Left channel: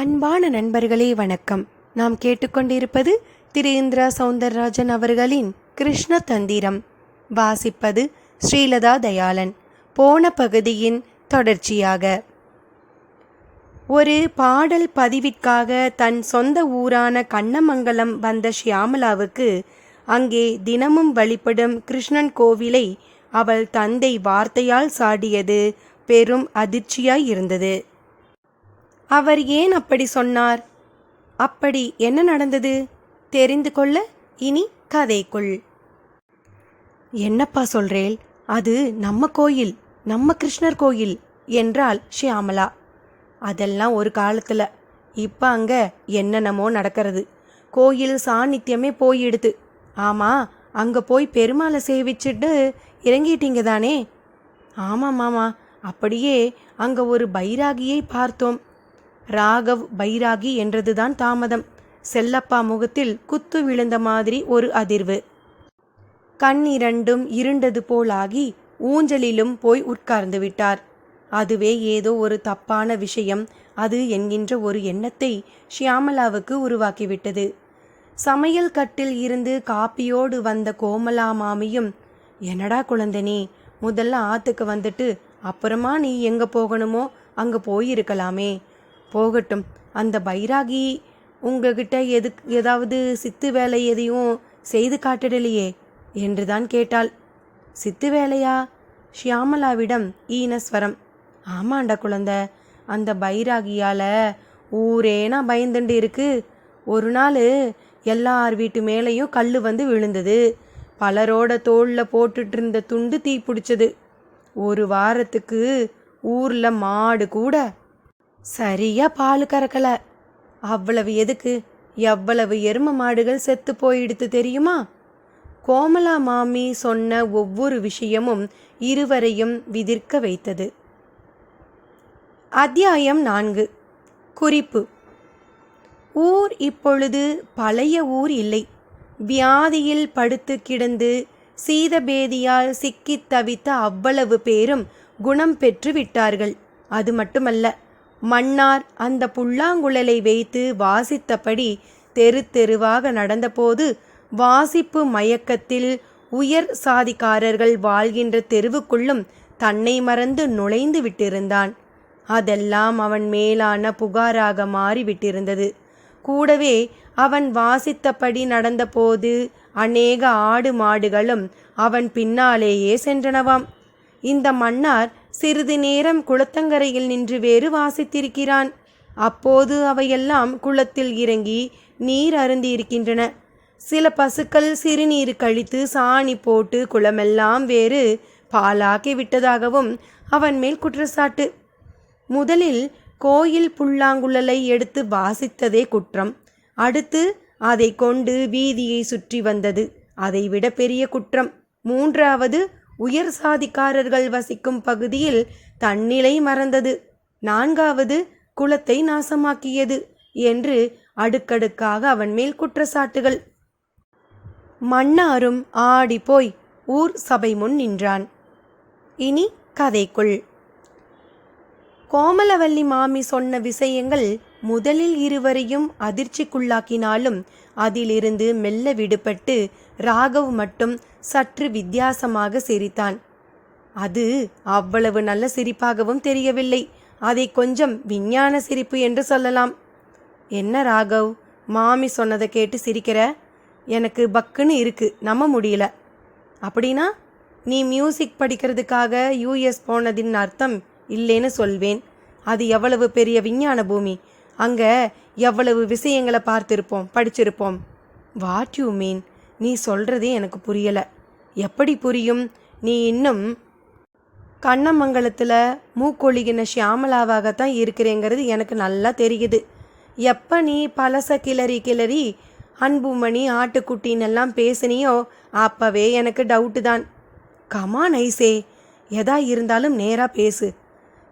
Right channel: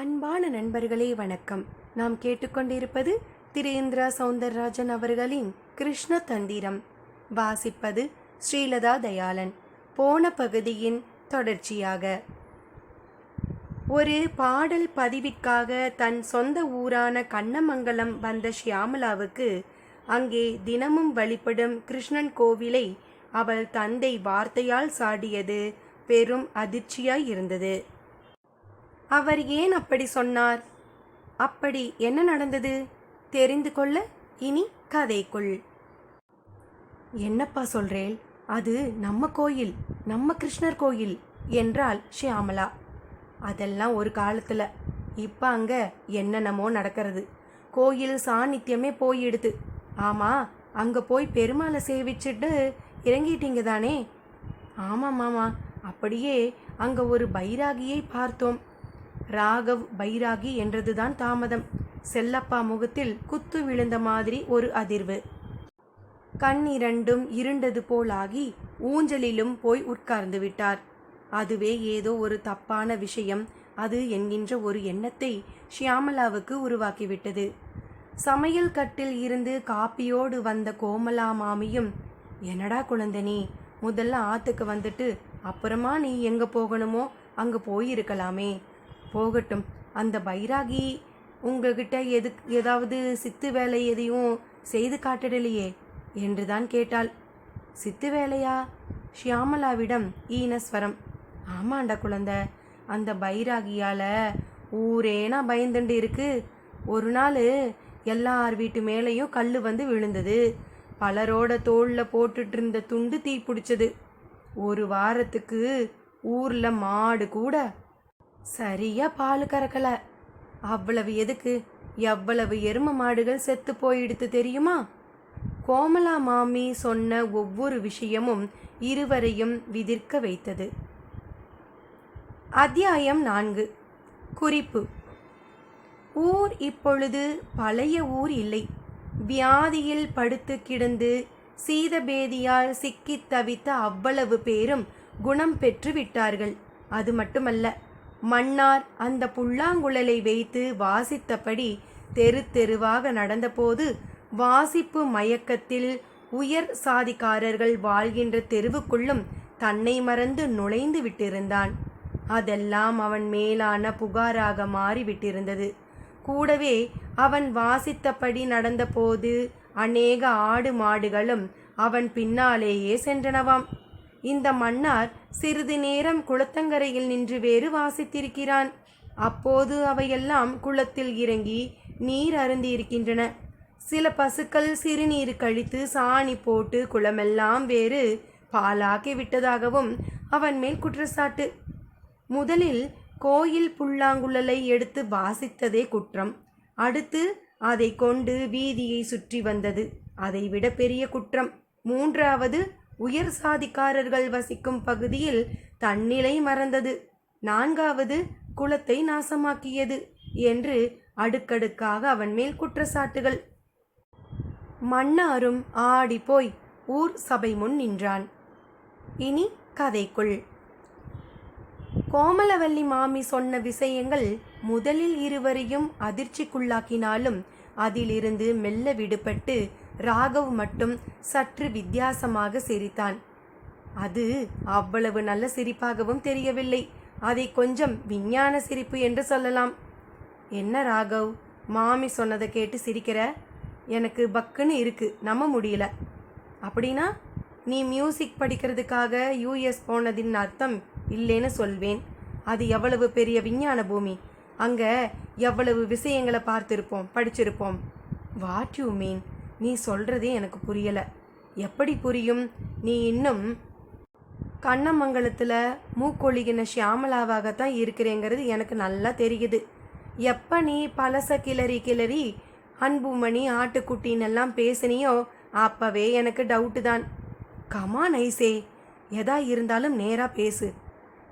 அன்பான நண்பர்களே வணக்கம். நாம் கேட்டுக்கொண்டிருப்பது திரு இந்திரா சௌந்தரராஜன் அவர்களின் கிருஷ்ண தந்திரம். வாசிப்பது ஸ்ரீலதா தயாளன். போன பகுதியின் தொடர்ச்சியாக. ஒரு பாடல் பதிவிற்காக தன் சொந்த ஊரான கண்ணமங்கலம் வந்த ஷியாமளாவுக்கு அங்கே தினமும் வழிபடும் கிருஷ்ணன் கோவிலை அவள் தந்தை வார்த்தையால் சாடியது பெரும் அதிர்ச்சியாய் இருந்தது. அவர் ஏன் அப்படி சொன்னார்? அப்படி என்ன நடந்தது? தெரிந்து கொள்ள இனி கதைக்குள். என்னப்பா சொல்றேல்? அது நம்ம கோயில், நம்ம கிருஷ்ணர் கோயில் என்றாள் ஷியாமளா. அதெல்லாம் ஒரு காலத்துல. இப்ப அங்க என்னென்னமோ நடக்கிறது. கோயில் சாநித்தியமே போயிடுது. ஆமா, அங்க போய் பெருமாளை சேவிச்சுட்டு இறங்கிட்டீங்க தானே? ஆமாம் மாமா, அப்படியே அங்க ஒரு பைராகியை பார்த்தோம். ராகவ் பைராகி என்றதுதான் தாமதம். செல்லப்பா முகத்தில் குத்து விழுந்த மாதிரி ஒரு அதிர்வு. கண்ணிரண்டும் இருண்டது போலாகி ஊஞ்சலிலும் போய் உட்கார்ந்து விட்டார். அதுவே ஏதோ ஒரு தப்பான விஷயம் அது என்கின்ற ஒரு எண்ணத்தை ஷியாமளாவுக்கு உருவாக்கிவிட்டது. சமையல் கட்டில் இருந்து காப்பியோடு வந்த கோமலா மாமியும், என்னடா குழந்தனே, முதல்ல ஆத்துக்கு வந்துட்டு அப்புறமா நீ எங்கே போகணுமோ அங்கே போயிருக்கலாமே. போகட்டும், அந்த பைராகி உங்ககிட்ட ஏதாவது சித்து வேலை எதையும் செய்து காட்டிடலையே என்றுதான் கேட்டாள். சித்து வேலையா? ஷியாமளாவிடம் ஈனஸ்வரம். ஆமாண்டா குழந்தை, அந்த பைராகியால் ஊரேனா பயந்துண்டு இருக்கு. ஒரு நாள் எல்லார் வீட்டு மேலேயும் கல் வந்து விழுந்தது. பலரோட தோளில் போட்டுட்டு இருந்த துண்டு தீ பிடிச்சது. ஒரு வாரத்துக்கு ஊரில் மாடு கூட சரியா பால் கறக்கல. அவ்வளவு எதுக்கு, எவ்வளவு எரும மாடுகள் செத்து போயிடுத்து தெரியுமா? கோமலா மாமி சொன்ன ஒவ்வொரு விஷயமும் இருவரையும் விதிர்க்க வைத்தது. அத்தியாயம் 4. குறிப்பு. ஊர் இப்பொழுது பழைய ஊர் இல்லை. வியாதியில் படுத்து கிடந்து சீதபேதியால் சிக்கித் தவித்த அவ்வளவு பேரும் குணம் பெற்று விட்டார்கள். அது மட்டுமல்ல, மன்னார் அந்த புல்லாங்குழலை வைத்து வாசித்தபடி தெரு தெருவாக நடந்தபோது வாசிப்பு மயக்கத்தில் உயர் சாதிக்காரர்கள் வாழ்கின்ற தெருவுக்குள்ளும் தன்னை மறந்து நுழைந்து விட்டிருந்தான். அதெல்லாம் அவன் மேலான புகாராக மாறிவிட்டிருந்தது. கூடவே அவன் வாசித்தபடி நடந்தபோது அநேக ஆடு மாடுகளும் அவன் பின்னாலேயே சென்றனவாம். இந்த மன்னார் சிறிது நேரம் குளத்தங்கரையில் நின்று வேறு வாசித்திருக்கிறான். அப்போது அவையெல்லாம் குளத்தில் இறங்கி நீர் அருந்தியிருக்கின்றன. சில பசுக்கள் சிறுநீர் கழித்து சாணி போட்டு குளமெல்லாம் வேறு பாலாக்கி விட்டதாகவும் அவன் மேல் குற்றச்சாட்டு. முதலில் கோயில் புல்லாங்குழலை எடுத்து வாசித்ததே குற்றம். அடுத்து அதை கொண்டு வீதியை சுற்றி வந்தது அதைவிட பெரிய குற்றம். மூன்றாவது, உயர் சாதிக்காரர்கள் வசிக்கும் பகுதியில் தன்னிலை மறந்தது. நான்காவது, குலத்தை நாசமாக்கியது என்று அடுக்கடுக்காக அவன் மேல் குற்றச்சாட்டுகள். மன்னாரும் ஆடி போய் ஊர் சபை முன் நின்றான். இனி கதைக்குள். கோமலவல்லி மாமி சொன்ன விஷயங்கள் முதலில் இருவரையும் அதிர்ச்சிக்குள்ளாக்கினாலும் அதிலிருந்து மெல்ல விடுபட்டு ராகவ் மட்டும் சற்று வித்தியாசமாக சிரித்தான். அது அவ்வளவு நல்ல சிரிப்பாகவும் தெரியவில்லை. அதை கொஞ்சம் விஞ்ஞான சிரிப்பு என்று சொல்லலாம். என்ன ராகவ், மாமி சொன்னதை கேட்டு சிரிக்கிற? எனக்கு பக்குன்னு இருக்கு, நம்ப முடியல. அப்படின்னா நீ மியூசிக் படிக்கிறதுக்காக யூஎஸ் போனதின் அர்த்தம் இல்லைன்னு சொல்வேன். அது எவ்வளவு பெரிய விஞ்ஞான பூமி. அங்கே எவ்வளவு விஷயங்களை பார்த்திருப்போம், படிச்சிருப்போம். What you mean? நீ சொல்கிறதே எனக்கு புரியலை. எப்படி புரியும்? நீ இன்னும் கண்ணமங்கலத்தில் மூக்கொழிகின ஷியாமளாவாகத்தான் இருக்கிறேங்கிறது எனக்கு நல்லா தெரியுது. எப்போ நீ பழச கிளறி அன்புமணி ஆட்டுக்குட்டின்னெல்லாம் பேசினியோ அப்போவே எனக்கு டவுட்டு தான். கமான் ஐசே, எதா இருந்தாலும் நேராக பேசு.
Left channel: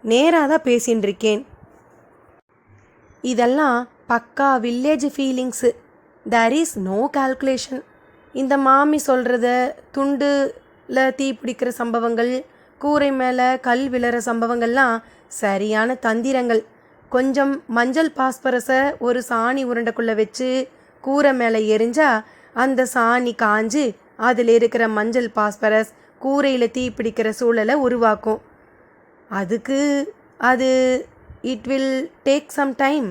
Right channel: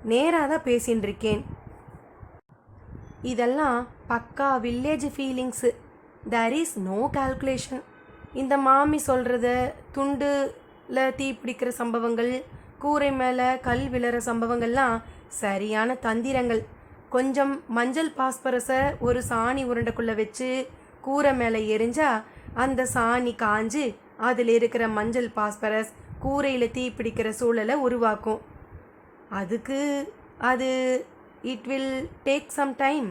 நேராக தான் பேசின்னு இருக்கேன். இதெல்லாம் பக்கா village feelings. There is no calculation. இந்த மாமி சொல்கிறத துண்டில் தீ பிடிக்கிற சம்பவங்கள், கூரை மேலே கல் விழற சம்பவங்கள்லாம் சரியான தந்திரங்கள். கொஞ்சம் மஞ்சள் பாஸ்பரஸை ஒரு சாணி உருண்டைக்குள்ளே வச்சு கூரை மேலே எரிஞ்சா அந்த சாணி காஞ்சு அதில் இருக்கிற மஞ்சள் பாஸ்பரஸ் கூரையில் தீ பிடிக்கிற சூழலை உருவாக்கும். அதுக்கு அது it will take some time.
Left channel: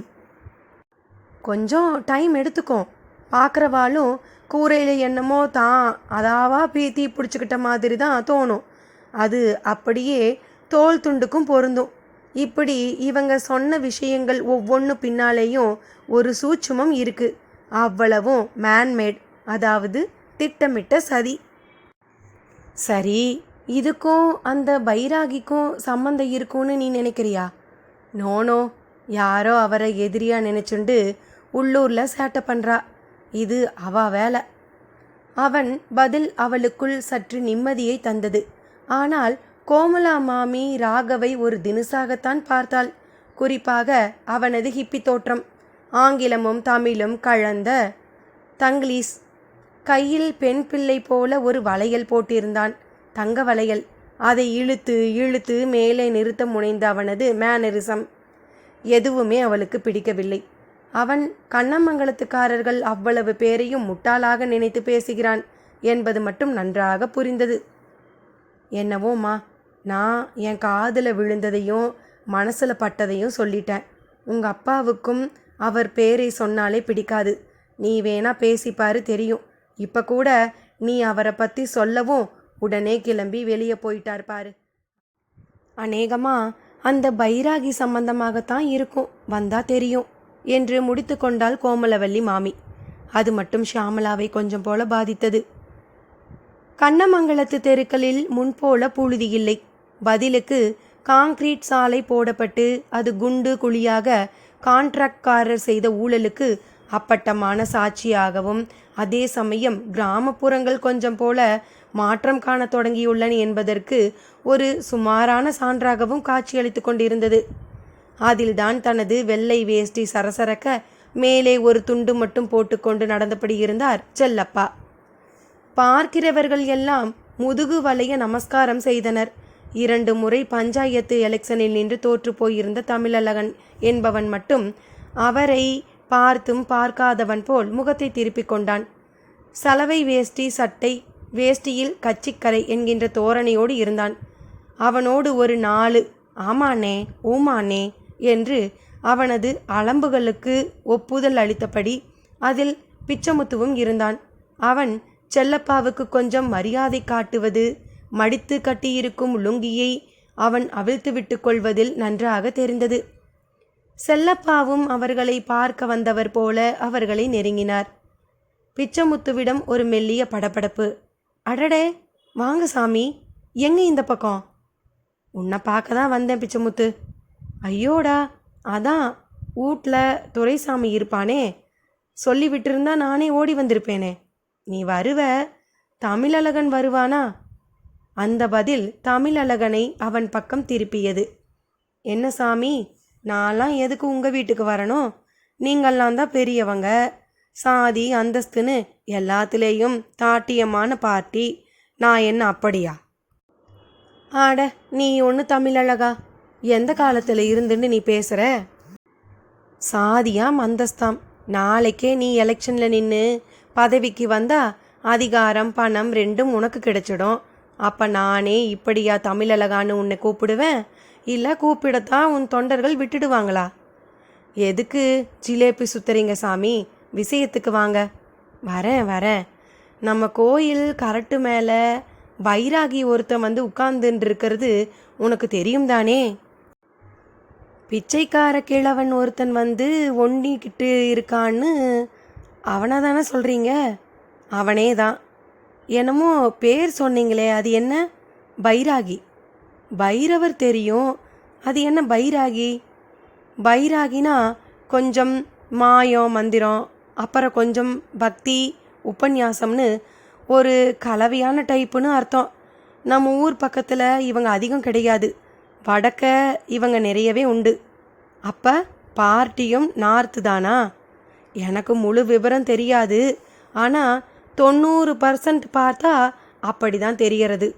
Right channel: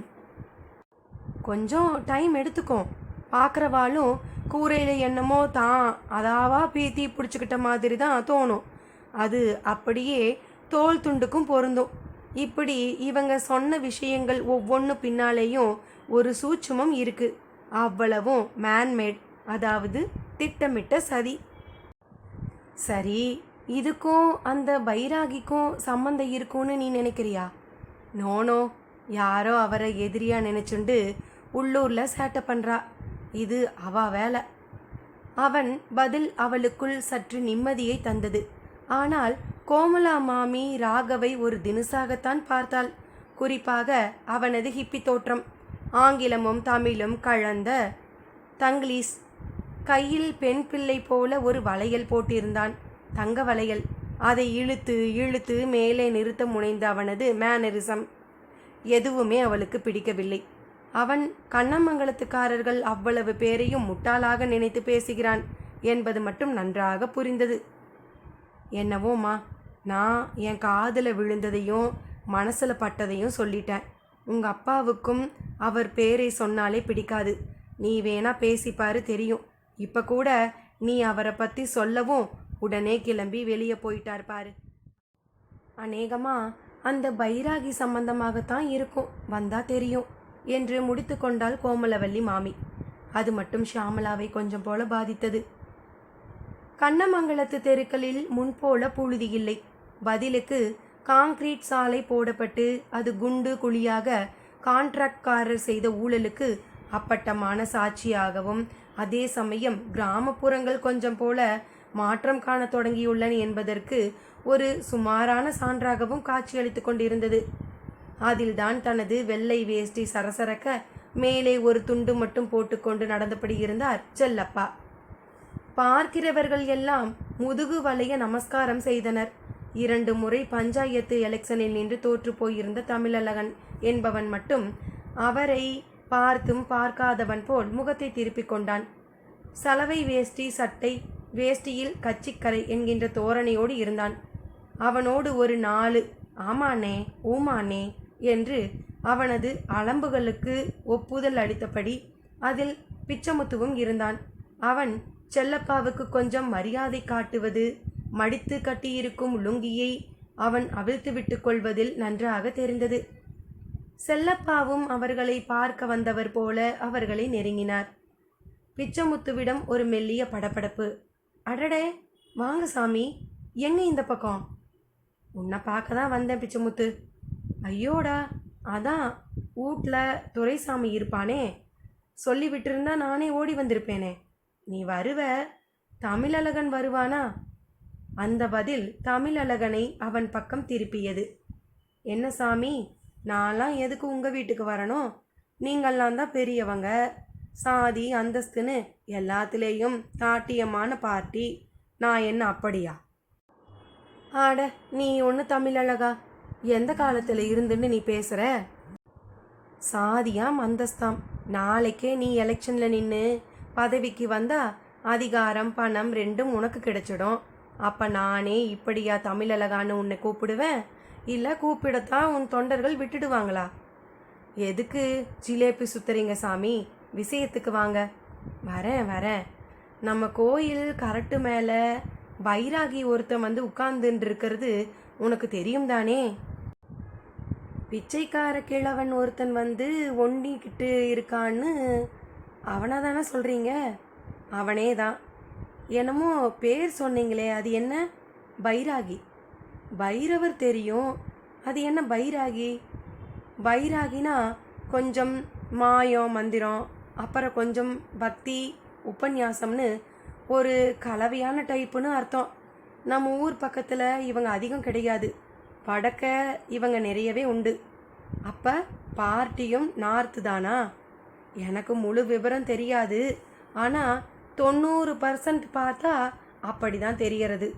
கொஞ்சம் டைம் எடுத்துக்கும். பார்க்குறவாளும் கூரையில் என்னமோ தான் அதாவா தீ பிடிச்சிக்கிட்ட மாதிரி தான் தோணும். அது அப்படியே தோல் துண்டுக்கும் பொருந்தும். இப்படி இவங்க சொன்ன விஷயங்கள் ஒவ்வொன்று பின்னாலேயும் ஒரு சூட்சுமம் இருக்குது. அவ்வளவும் மேன்மேட், அதாவது திட்டமிட்ட சதி. சரி, இதுக்கும் அந்த பைராகிக்கும் சம்மந்தம் இருக்கும்னு நீ நினைக்கிறியா? நோனோ, யாரோ அவரை எதிரியாக நினச்சுண்டு உள்ளூரில் சேட்டை பண்ணுறா. இது அவ வேலை. அவன் பதில் அவளுக்குள் சற்று நிம்மதியை தந்தது. ஆனால் கோமலா மாமி ராகவை ஒரு தினுசாகத்தான் பார்த்தாள். குறிப்பாக அவனது ஹிப்பி தோற்றம், ஆங்கிலமும் தமிழும் கலந்த தங்கிலீஷ். கையில் பெண் பிள்ளை போல ஒரு வளையல் போட்டிருந்தான், தங்க வளையல். அதை இழுத்து இழுத்து மேலே நிறுத்த முனைந்த அவனது மேனரிசம் எதுவுமே அவளுக்கு பிடிக்கவில்லை. அவன் கண்ணமங்கலத்துக்காரர்கள் அவ்வளவு பேரையும் முட்டாளாக நினைத்து பேசுகிறான் என்பது மட்டும் நன்றாக புரிந்தது. என்னவோம்மா, நான் என் காதில் விழுந்ததையும் மனசில் பட்டதையும் சொல்லிட்டேன். உங்கள் அப்பாவுக்கும் அவர் பேரை சொன்னாலே பிடிக்காது. நீ வேணா பேசிப்பாரு, தெரியும். இப்போ கூட நீ அவரை பற்றி சொல்லவும் உடனே கிளம்பி வெளியே போயிட்டார் பாரு. அநேகமாக அந்த பைராகி சம்பந்தமாகத்தான் இருக்கும், வந்தா தெரியும் என்று முடித்து கொண்டாள் கோமலவல்லி மாமி. அது மட்டும் ஷியாமளாவை கொஞ்சம் போல பாதித்தது. கண்ணமங்கலத்து தெருக்களில் முன்போல புழுதி இல்லை. பதிலுக்கு காங்கிரீட் சாலை போடப்பட்டு அது குண்டு குழியாக கான்ட்ராக்ட்காரர் செய்த ஊழலுக்கு அப்பட்டமான சாட்சியாகவும், அதே சமயம் கிராமப்புறங்கள் கொஞ்சம் போல மாற்றம் காண தொடங்கியுள்ளன என்பதற்கு ஒரு சுமாரான சான்றாகவும் காட்சியளித்து கொண்டிருந்தது. அதில்தான் தனது வெள்ளை வேஷ்டி சரசரக்க மேலே ஒரு துண்டு மட்டும் போட்டுக்கொண்டு நடந்தபடி இருந்தார் செல்லப்பா. பார்க்கிறவர்கள் எல்லாம் முதுகு வளைய நமஸ்காரம் செய்தனர். 2 முறை பஞ்சாயத்து எலெக்ஷனில் நின்று தோற்று போயிருந்த தமிழழகன் என்பவன் மட்டும் அவரை பார்த்தும் பார்க்காதவன் போல் முகத்தை திருப்பிக் கொண்டான். சலவை வேஷ்டி சட்டை, வேஷ்டியில் கச்சிக்கரை என்கின்ற தோரணையோடு இருந்தான். அவனோடு ஒரு 4 ஆமானே ஊமானே என்று அவனது அலம்புகளுக்கு ஒப்புதல் அளித்தபடி அதில் பிச்சமுத்துவும் இருந்தான். அவன் செல்லப்பாவுக்கு கொஞ்சம் மரியாதை காட்டுவது, மடித்து கட்டியிருக்கும் லுங்கியை அவன் அவிழ்த்து விட்டு கொள்வதில் நன்றாக தெரிந்தது. செல்லப்பாவும் அவர்களை பார்க்க வந்தவர் போல அவர்களை நெருங்கினார். பிச்சமுத்துவிடம் ஒரு மெல்லிய படபடப்பு. அடடே, வாங்க சாமி, எங்க இந்த பக்கம்? உன்னை பார்க்க தான் வந்தேன் பிச்சமுத்து. ஐயோடா, அதான் வீட்டில் துரைசாமி இருப்பானே, சொல்லி விட்டுருந்தா நானே ஓடி வந்திருப்பேனே. நீ வருவ, தமிழழகன் வருவானா? அந்த பதில் தமிழழகனை அவன் பக்கம் திருப்பியது. என்ன சாமி, நான்லாம் எதுக்கு உங்கள் வீட்டுக்கு வரணும்? நீங்கள்லாம் தான் பெரியவங்க, சாதி அந்தஸ்துன்னு எல்லாத்துலேயும் தாட்டியமான பார்ட்டி. நான் என்ன அப்படியா? ஆட, நீ ஒன்று தமிழழகா, எந்த காலத்தில் இருந்துன்னு நீ பேசுகிற? சாதியாம் அந்தஸ்தாம். நாளைக்கே நீ எலெக்ஷனில் நின்று பதவிக்கு வந்தா அதிகாரம் பணம் ரெண்டும் உனக்கு கிடைச்சிடும். அப்போ நானே இப்படியா தமிழழகான்னு உன்னை கூப்பிடுவேன்? இல்லை கூப்பிடத்தான் உன் தொண்டர்கள் விட்டுடுவாங்களா? எதுக்கு ஜிலேபி சுத்துறீங்க சாமி? விஷயத்துக்கு வாங்க. வரேன் வரேன். நம்ம கோயில் கரட்டு மேலே பைராகி ஒருத்தன் வந்து உட்கார்ந்துட்டு இருக்கிறது உனக்கு தெரியும் தானே? பிச்சைக்கார கிழவன் ஒருத்தன் வந்து ஒண்டிக்கிட்டு இருக்கான்னு அவனை தானே சொல்கிறீங்க? அவனே தான். என்னமோ பேர் சொன்னீங்களே, அது என்ன? பைராகி. பைரவர் தெரியும், அது என்ன பைராகி? பைராகினா கொஞ்சம் மாயம் மந்திரம், அப்புறம் கொஞ்சம் பக்தி உபன்யாசம்னு ஒரு கலவையான டைப்புன்னு அர்த்தம். நம்ம ஊர் பக்கத்தில் இவங்க அதிகம் கிடையாது, வடக்க இவங்க நிறையவே உண்டு. அப்போ பார்ட்டியும் நார்த்து தானா? எனக்கு முழு விவரம் தெரியாது, ஆனால் 90% பார்த்தா அப்படி தான் தெரியறது.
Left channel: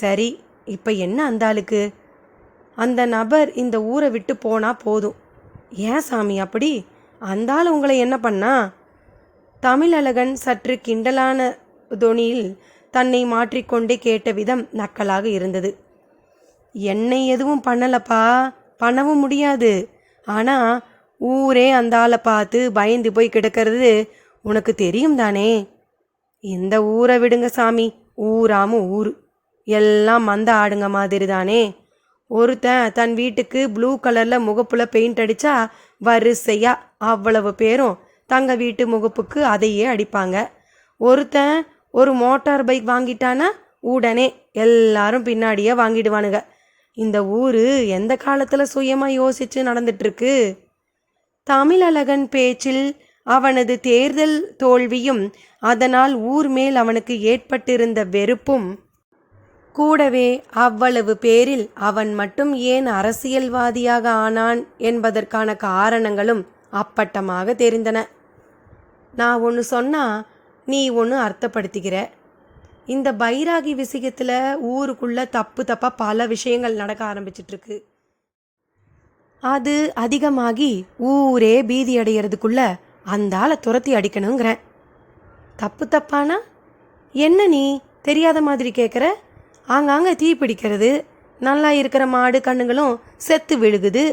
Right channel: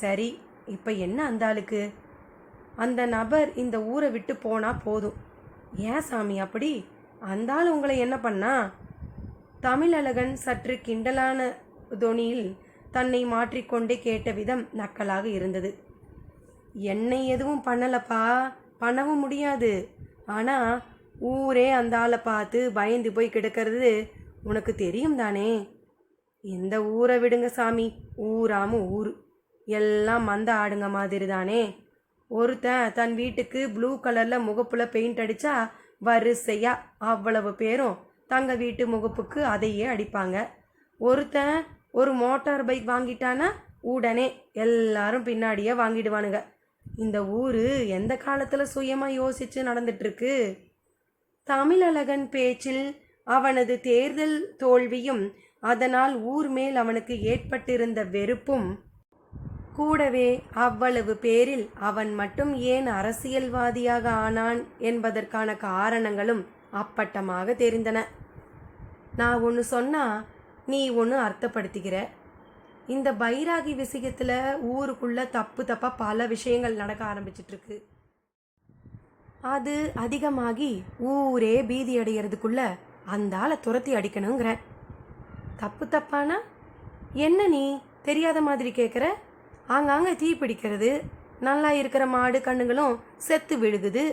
சரி, இப்போ என்ன அந்த ஆளுக்கு? அந்த நபர் இந்த ஊரை விட்டு போனால் போதும். ஏன் சாமி அப்படி? அந்த ஆள் உங்களை என்ன பண்ணா? தமிழழகன் சற்று கிண்டலான தொனியில் தன்னை மாற்றிக்கொண்டே கேட்ட விதம் நக்கலாக இருந்தது. என்னை எதுவும் பண்ணலப்பா, பண்ணவும் முடியாது. ஆனால் ஊரே அந்த ஆளை பார்த்து பயந்து போய் கிடக்கிறது உனக்கு தெரியும் தானே? இந்த ஊரை விடுங்க சாமி, ஊராம ஊர் எல்லாம் மந்த ஆடுங்க மாதிரி தானே. ஒருத்தன் தன் வீட்டுக்கு ப்ளூ கலரில் முகப்புல பெயிண்ட் அடித்தா வரிசையா அவ்வளவு பேரும் தங்க வீட்டு முகப்புக்கு அதையே அடிப்பாங்க. ஒருத்தன் ஒரு மோட்டார் பைக் வாங்கிட்டானா உடனே எல்லாரும் பின்னாடியே வாங்கிடுவானுங்க. இந்த ஊர் எந்த காலத்தில் சுயமாக யோசித்து நடந்துட்டுருக்கு? தமிழழகன் பேச்சில் அவனது தேர்தல் தோல்வியும் அதனால் ஊர் மேல் அவனுக்கு ஏற்பட்டிருந்த வெறுப்பும் கூடவே அவ்வளவு பேரில் அவன் மட்டும் ஏன் அரசியல்வாதியாக ஆனான் என்பதற்கான காரணங்களும் அப்பட்டமாக தெரிந்தன. நான் ஒன்று சொன்னா நீ ஒன்று அர்த்தப்படுத்திக்கிற. இந்த பைராகி விஷயத்தில் ஊருக்குள்ள தப்பாக பல விஷயங்கள் நடக்க ஆரம்பிச்சிட்ருக்கு. அது அதிகமாகி ஊரே பீதி அடைகிறதுக்குள்ள அந்த ஆளை துரத்தி அடிக்கணுங்கிறேன். தப்பானா என்ன நீ தெரியாத மாதிரி கேட்குற? ஆங்காங்க தீ பிடிக்கிறது, நல்லா இருக்கிற மாடு கண்ணுங்களும் செத்து விழுகுது.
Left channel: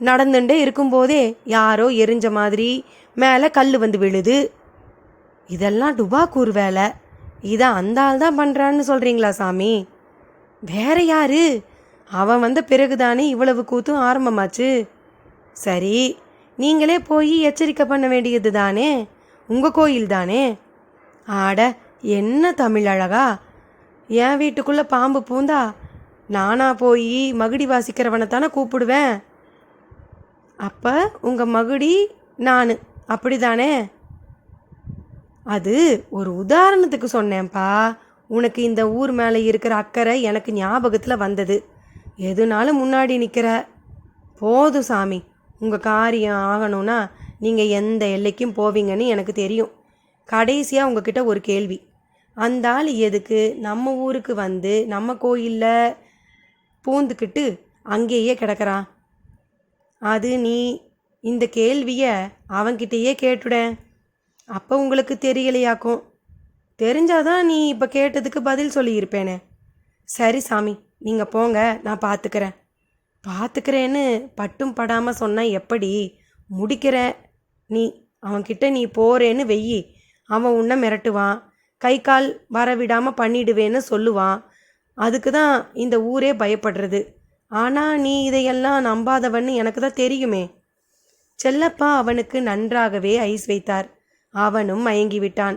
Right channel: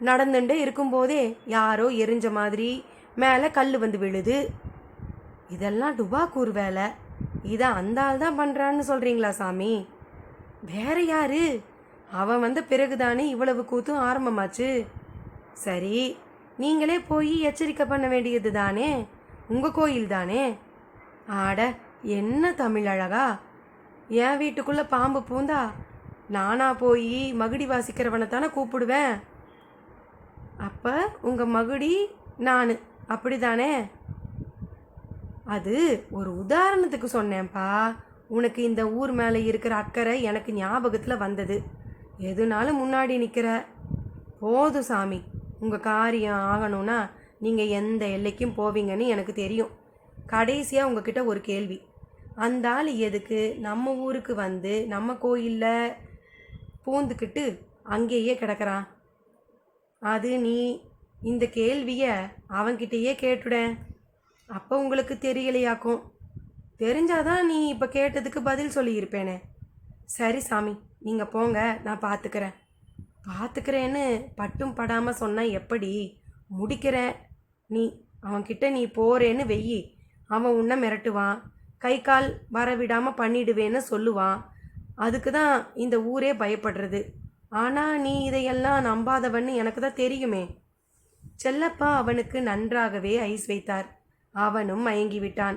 நடந்துட்டே இருக்கும்போதே யாரோ எரிஞ்ச மாதிரி மேலே கல் வந்து விழுது. இதெல்லாம் டுபாக்கூர் வேலை. இதை அந்த ஆள் தான் பண்ணுறான்னு சொல்கிறீங்களா சாமி? வேற யாரு? அவன் வந்த பிறகுதானே இவ்வளவு கூத்தும் ஆரம்பமாச்சு. சரி, நீங்களே போய் எச்சரிக்கை பண்ண வேண்டியது தானே, உங்கள் கோயில் தானே. ஆட என்ன தமிழழகா! என் வீட்டுக்குள்ளே பாம்பு பூந்தா நானா போய் மகுடி வாசிக்கிறவனை தானே கூப்பிடுவேன். அப்போ உங்கள் மகுடி நான், அப்படி தானே? அது ஒரு உதாரணத்துக்கு சொன்னேன்ப்பா. உனக்கு இந்த ஊர் மேலே இருக்கிற அக்கறை எனக்கு ஞாபகத்தில் வந்தது. எதுனாலும் முன்னாடி நிற்கிற. போதும் சாமி, உங்கள் காரியம் ஆகணும்னா நீங்கள் எந்த எல்லைக்கும் போவீங்கன்னு எனக்கு தெரியும். கடைசியாக உங்ககிட்ட ஒரு கேள்வி. அந்த ஆள் எதுக்கு நம்ம ஊருக்கு வந்து நம்ம கோயிலில் பூந்துக்கிட்டு அங்கேயே கிடக்கிறான்? அது நீ இந்த கேள்வியை அவன்கிட்டயே கேட்டுட. அப்போ உங்களுக்கு தெரியலையாக்கும். தெரிஞ்சாதான் நீ இப்போ கேட்டதுக்கு பதில் சொல்லியிருப்பேனே. சரி சாமி, நீங்கள் போங்க, நான் பார்த்துக்கிறேன்னு பட்டும் படாமல் சொன்னால் எப்படி? முடிக்கிறேன். அவன்கிட்ட நீ போறேன்னு வெய்யி, அவன் உன்னை மிரட்டுவான், கை கால் வரவிடாமல் பண்ணிடுவேன்னு சொல்லுவான். அதுக்கு தான் இந்த ஊரே பயப்படுறது. ஆனால் நீ இதையெல்லாம் நம்பாதவன்னு எனக்கு தான் தெரியுமே. செல்லப்பா அவனுக்கு நன்றாகவே ஐஸ் வைத்தார். அவனும் மயங்கிவிட்டான்.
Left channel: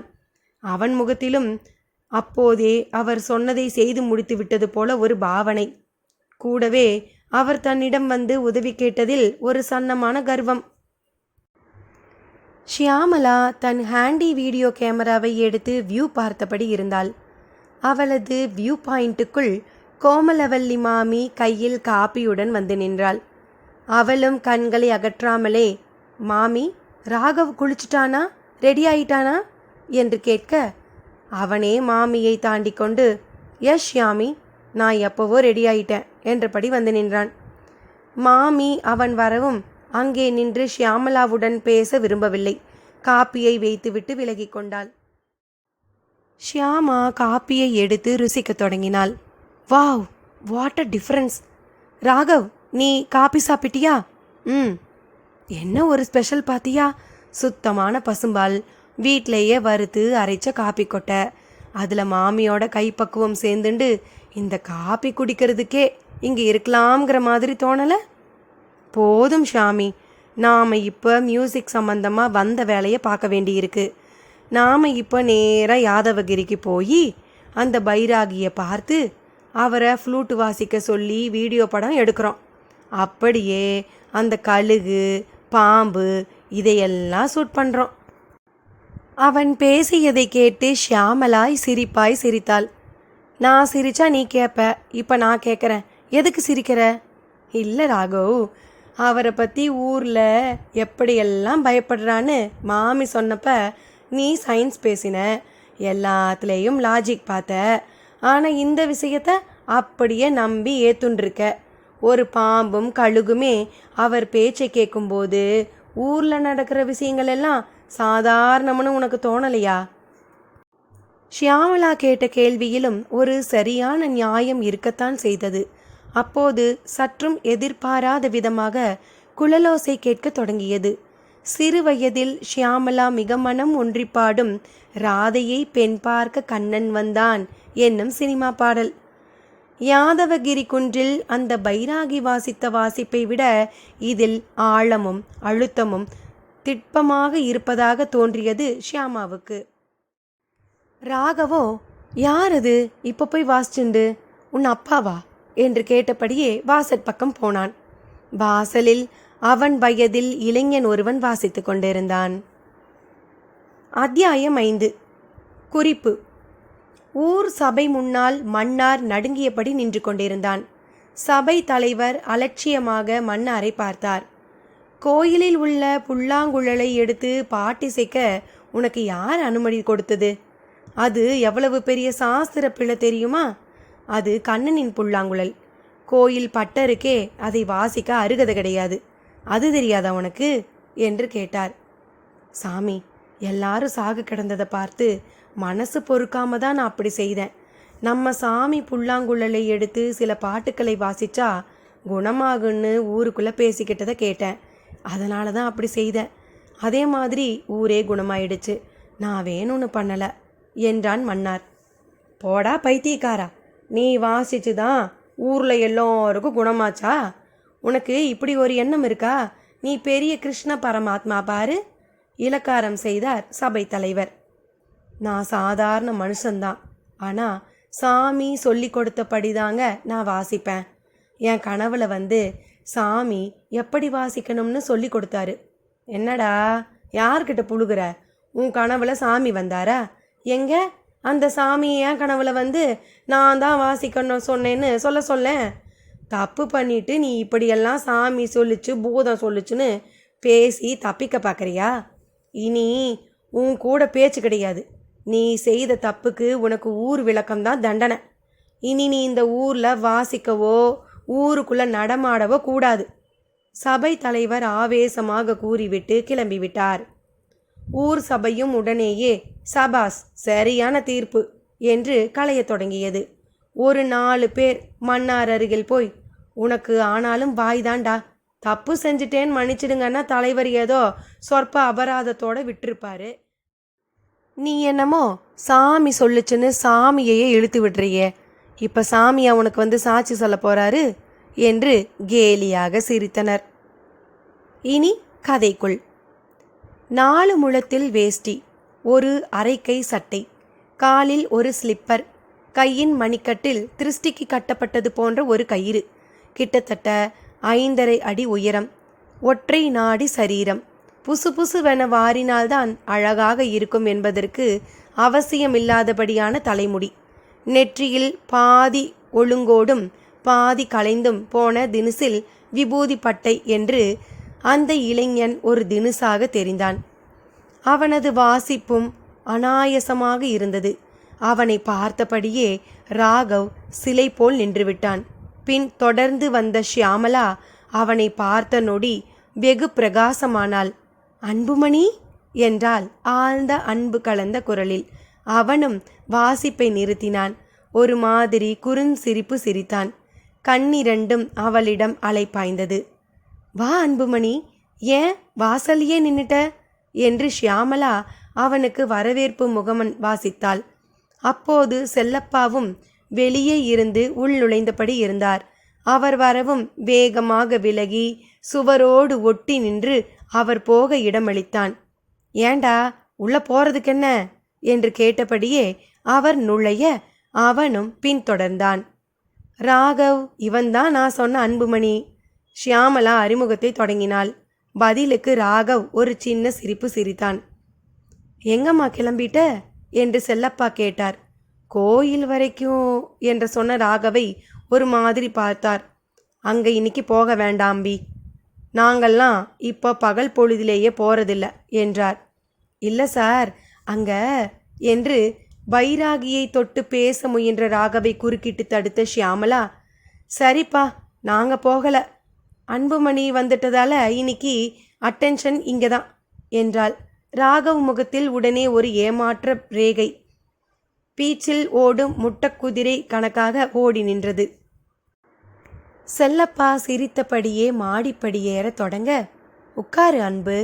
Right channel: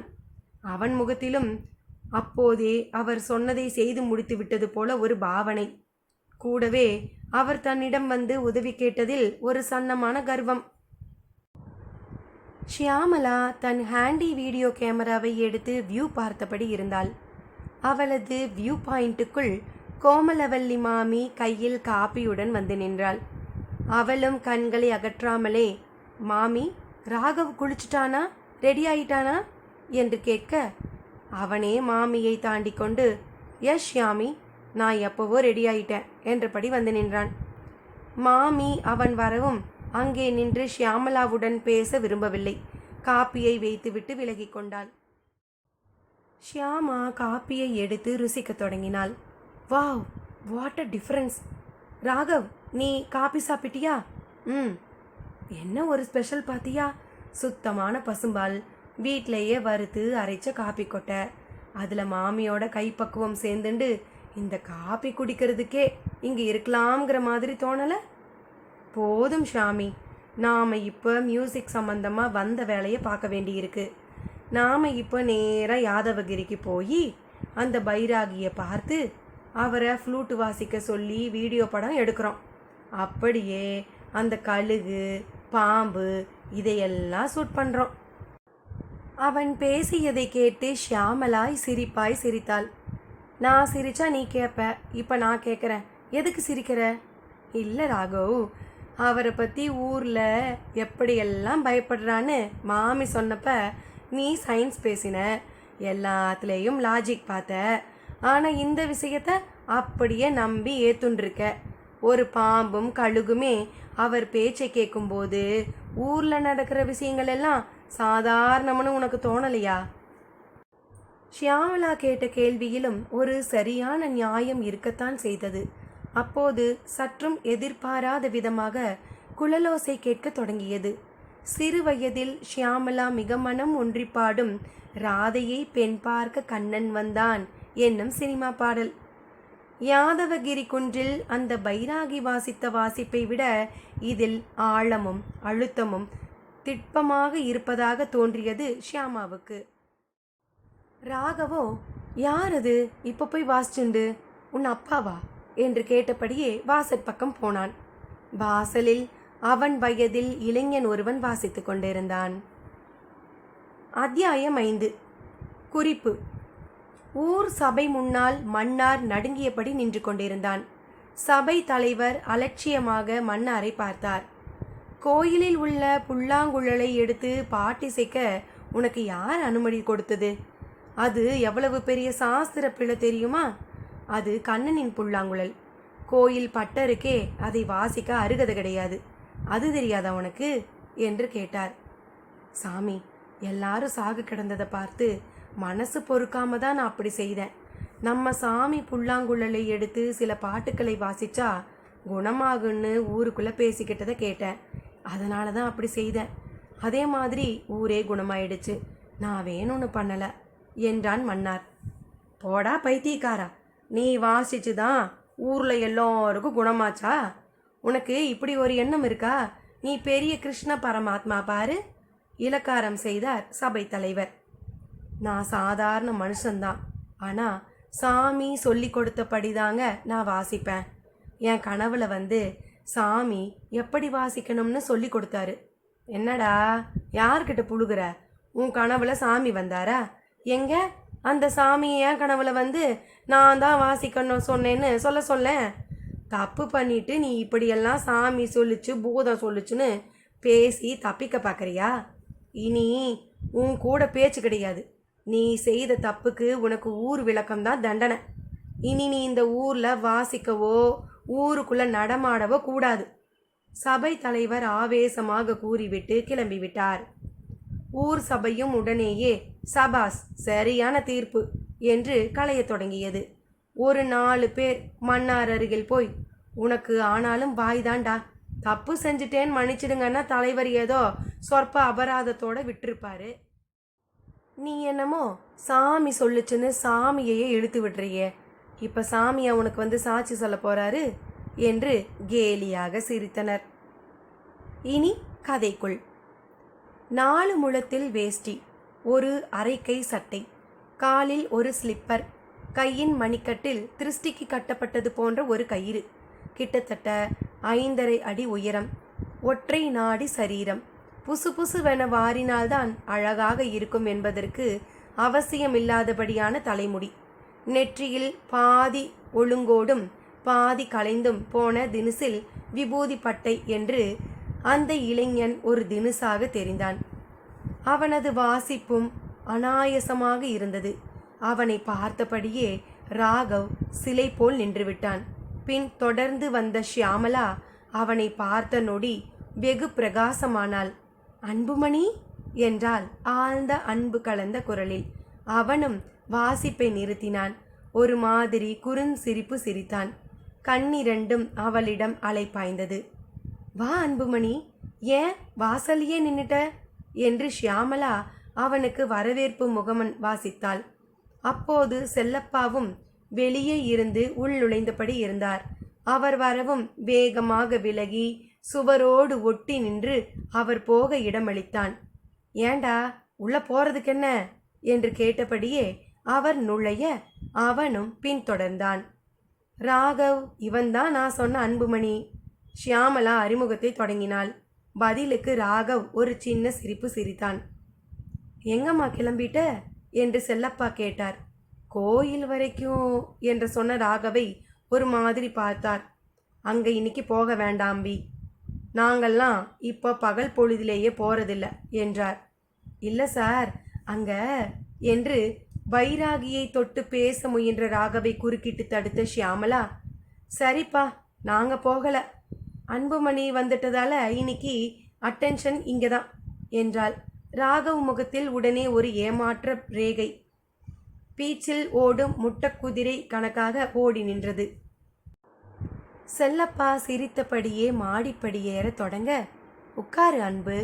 அவன் முகத்திலும் அப்போதே அவர் சொன்னதை செய்து முடித்து விட்டது போல ஒரு பாவனை. கூடவே அவர் தன்னிடம் வந்து உதவி கேட்டதில் ஒரு சன்னமான கர்வம். ஷியாமலா தன் ஹேண்டி வீடியோ கேமராவை எடுத்து வியூ பார்த்தபடி இருந்தாள். அவளது வியூ பாயிண்ட்டுக்குள் கோமலவல்லி மாமி கையில் காப்பியுடன் வந்து நின்றாள். அவளும் கண்களை அகற்றாமலே, மாமி, ராகவ் குளிச்சுட்டானா, ரெடி ஆயிட்டானா என்று கேட்க, அவனே மாமியை தாண்டி கொண்டு, எஸ் ஷியாமி, நான் எப்போவோ ரெடி ஆயிட்டேன் என்றபடி வந்து நின்றான். மாமி அவன் வரவும் அங்கே நின்று ஷியாமலாவுடன் பேச விரும்பவில்லை. காப்பியை வைத்துவிட்டு விலகி கொண்டாள். ஷியாமா காப்பியை எடுத்து ருசிக்க தொடங்கினாள். Wow, what a difference! Raghav, நீ காப்பி சாப்பிட்டியா? என்ன ஒரு ஸ்பெஷல் பார்த்தியா? சுத்தமான பசும்பால், வீட்டிலையே வறுத்து அரைச்ச காப்பி கொட்டை, அதில் மாமியோட கைப்பக்குவம் சேர்ந்துண்டு இந்த காப்பி குடிக்கிறதுக்கே இங்கே இருக்கலாம்ங்கிற மாதிரி தோணலை? போதும் ஷாமி, நாம் இப்போ மியூசிக் சம்மந்தமாக வந்த வேலையை பார்க்க வேண்டியிருக்கு. நாம் இப்போ நேராக யாதவகிரிக்கு போய் அந்த பைராகியை பார்த்து அவரை ஃப்ளூட்டு வாசிக்க சொல்லி வீடியோ படம் எடுக்கிறோம். அப்படியே அந்த கழுகு, பாம்பு இதையெல்லாம் ஷூட் பண்ணுறோம். அவன் பேசியதை கேட்டு ஷியாமலாய் சிரிப்பாய் சிரித்தாள். நான் சிரிச்சா நீ கேட்ப, இப்போ நான் கேட்குறேன், எதுக்கு சிரிக்கிற? இல்லை ராகவ், அவரை பற்றி ஊரில் எப்படியெல்லாம் பயப்படுறான்னு மாமி சொன்னப்ப நீ சயின்ஸ் பேசின, எல்லாத்துலேயும் லாஜிக் பார்த்த. ஆனால் இந்த விஷயத்த அப்படியே நம்பி ஏத்துண்டிருக்க. ஒரு பாம்பும் கழுகுமே அவர் பேச்சை கேட்கும்போது ஊரில் நடக்கிற விஷயங்கள் எல்லாம் சாதாரணம்னு உனக்கு தோணலையா? ஷியாமளா கேட்ட கேள்வியிலும் ஒரு சரியான நியாயம் இருக்கத்தான் செய்தது. அப்போது சற்றும் எதிர்பாராத விதமாக குழலோசை கேட்கத் தொடங்கியது. சிறு வயதில் ஷியாமளா மிக மனம் ஒன்றி பாடும் ராதையை பெண் பார்க்க கண்ணன் வந்தான் என்னும் சினிமா பாடல். யாதவகிரி குன்றில் அந்த பைராகி வாசித்த வாசிப்பை விட இதில் ஆழமும் அழுத்தமும் திட்பமாக இருப்பதாக தோன்றியது ஷியாமாவுக்கு. ராகவோ, யார் அது இப்போ போய் வாசிச்சுண்டு, உன் அப்பாவா என்று கேட்டபடியே வாசற் பக்கம் போனான். வாசலில் அவன் வயதில் இளைஞன் ஒருவன் வாசித்து கொண்டிருந்தான். அத்தியாயம் 5. குறிப்பு: ஊர் சபை முன்னால் மன்னார் நடுங்கியபடி நின்று கொண்டிருந்தான். சபை தலைவர் அலட்சியமாக மன்னாரை பார்த்தார். கோயிலில் உள்ள புல்லாங்குழலை எடுத்து பாட்டிசைக்க உனக்கு யார் அனுமதி கொடுத்தது? அது எவ்வளவு பெரிய சாஸ்திர பிழை தெரியுமா? அது கண்ணனின் புல்லாங்குழல். கோயில் பட்டருக்கே அதை வாசிக்க அருகதை கிடையாது. அது தெரியாதா உனக்கு என்று கேட்டார். சாமி, எல்லாரும் சாகு கிடந்ததை பார்த்து மனசு பொறுக்காம தான் நான் அப்படி செய்தேன். நம்ம சாமி புல்லாங்குழலை எடுத்து சில பாட்டுக்களை வாசிச்சா குணமாகுன்னு ஊருக்குள்ளே பேசிக்கிட்டதை கேட்டேன். அதனால தான் அப்படி செய்தேன். அதே மாதிரி ஊரே குணமாயிடுச்சு. நான் வேணும்னு பண்ணலை என்றான் மன்னார். போடா பைத்தியக்காரா, நீ வாசிச்சு தான் ஊரில் எல்லோருக்கும் குணமாச்சா? உனக்கு இப்படி ஒரு எண்ணம் இருக்கா? நீ பெரிய கிருஷ்ண பரமாத்மா பாரு, இலக்காரம் செய்தார் சபை தலைவர். நான் சாதாரண மனுஷன்தான். ஆனால் சாமி சொல்லி கொடுத்தபடிதாங்க நான் வாசிப்பேன். என் கனவுல சாமி எப்படி வாசிக்கணும்னு சொல்லி கொடுத்தாரு. என்னடா யார்கிட்ட புழுகுற? உன் கனவுல சாமி வந்தாரா? எங்க அந்த சாமி என் கனவுல நான் தான் வாசிக்கணும் சொன்னேன்னு சொல்லேன். தப்பு பண்ணிட்டு நீ இப்படியெல்லாம் சாமி சொல்லிச்சு பூதம் சொல்லிச்சுன்னு பேசி தப்பிக்க பார்க்குறியா? இனி உன் கூட பேச்சு கிடையாது. நீ செய்த தப்புக்கு உனக்கு ஊர் விளக்கம்தான் தண்டனை. இனி நீ இந்த ஊரில் வாசிக்கவோ ஊருக்குள்ளே நடமாடவோ கூடாது. சபை தலைவர் ஆவேசமாக கூறிவிட்டு கிளம்பிவிட்டார். ஊர் சபையும் உடனேயே சபாஸ், சரியான தீர்ப்பு என்று களையத் தொடங்கியது. ஒரு 4 பேர் மன்னார் அருகில் போய், உனக்கு ஆனாலும் வாய்தாண்டா, தப்பு செஞ்சுட்டேன்னு மன்னிச்சிடுங்கன்னா தலைவர் ஏதோ சொற்ப அபராதத்தோடு விட்டிருப்பாரு. நீ என்னமோ சாமி சொல்லுச்சுன்னு சாமியையே இழுத்து விடுறியே. இப்போ சாமியா உனக்கு சாட்சி சொல்ல போறாரு என்று கேலியாக சிரித்தனர். இனி கதைக்குள். 4 முழத்தில் வேஷ்டி, ஒரு அரைக்கை சட்டை, காலில் ஒரு ஸ்லிப்பர், கையின் மணிக்கட்டில் திருஷ்டிக்கு கட்டப்பட்டது போன்ற ஒரு கயிறு, கிட்டத்தட்ட 5.5 அடி உயரம், ஒற்றை நாடி சரீரம், புசு புசுவென வாரினால்தான் அழகாக இருக்கும் என்பதற்கு அவசியமில்லாதபடியான தலைமுடி, நெற்றியில் பாதி ஒழுங்கோடும் பாதி கலைந்தும் போன தினுசில் விபூதி பட்டை என்று அந்த இளைஞன் ஒரு தினுசாக தெரிந்தான். அவனது வாசிப்பும் அனாயசமாக இருந்தது. அவனை பார்த்தபடியே ராகவ் சிலை போல் நின்றுவிட்டான். பின் தொடர்ந்து வந்த ஷியாமளா அவனை பார்த்த நொடி வெகு பிரகாசமானாள். அன்புமணி என்றாள் ஆழ்ந்த அன்பு கலந்த குரலில். அவனும் வாசிப்பை நிறுத்தினான். ஒரு மாதிரி குறுஞ்சிரிப்பு சிரித்தான். கண்ணிரண்டும் அவளிடம் அலைப்பாய்ந்தது. வா அன்புமணி, ஏன் வாசலியே நின்னுட்ட என்று ஷியாமளா அவனுக்கு வரவேற்பு முகமன் வாசித்தாள். அப்போது செல்லப்பாவும் வெளியே இருந்து உள் நுழைந்தபடி இருந்தார். அவர் வரவும் வேகமாக விலகி சுவரோடு ஒட்டி நின்று அவர் போக இடமளித்தான். ஏண்டா உள்ள போறதுக்கென்ன என்று கேட்டபடியே அவர் நுழைய அவனும் பின்தொடர்ந்தான். ராகவ், இவன்தான் நான் சொன்ன அன்புமணி. ஷியாமளா அறிமுகத்தை தொடங்கினாள். பதிலுக்கு ராகவ் ஒரு சின்ன சிரிப்பு சிரித்தான். எங்கம்மா கிளம்பிட்ட என்று செல்லப்பா கேட்டார். கோயில் வரைக்கும் என்று சொன்ன ராகவை ஒரு மாதிரி பார்த்தார். அங்கே இன்னைக்கு போக வேண்டாம்பி, நாங்கள்லாம் இப்போ பகல் பொழுதிலேயே போகிறதில்ல என்றார். இல்லை சார், அங்கே என்று வைராகியை தொட்டு பேச முயன்ற ராகவை குறுக்கிட்டு தடுத்த ஷியாமளா, சரிப்பா நாங்கள் போகலை. அன்புமணி வந்துட்டதால இன்னைக்கு அட்டென்ஷன் இங்கே தான் என்றாள். ராகவ் முகத்தில் உடனே ஒரு ஏமாற்ற ரேகை. பீச்சில் ஓடும் முட்டக்குதிரை கணக்காக ஓடி நின்றது. செல்லப்பா சிரித்தபடியே மாடிப்படியேற தொடங்க, உட்காரு அன்பு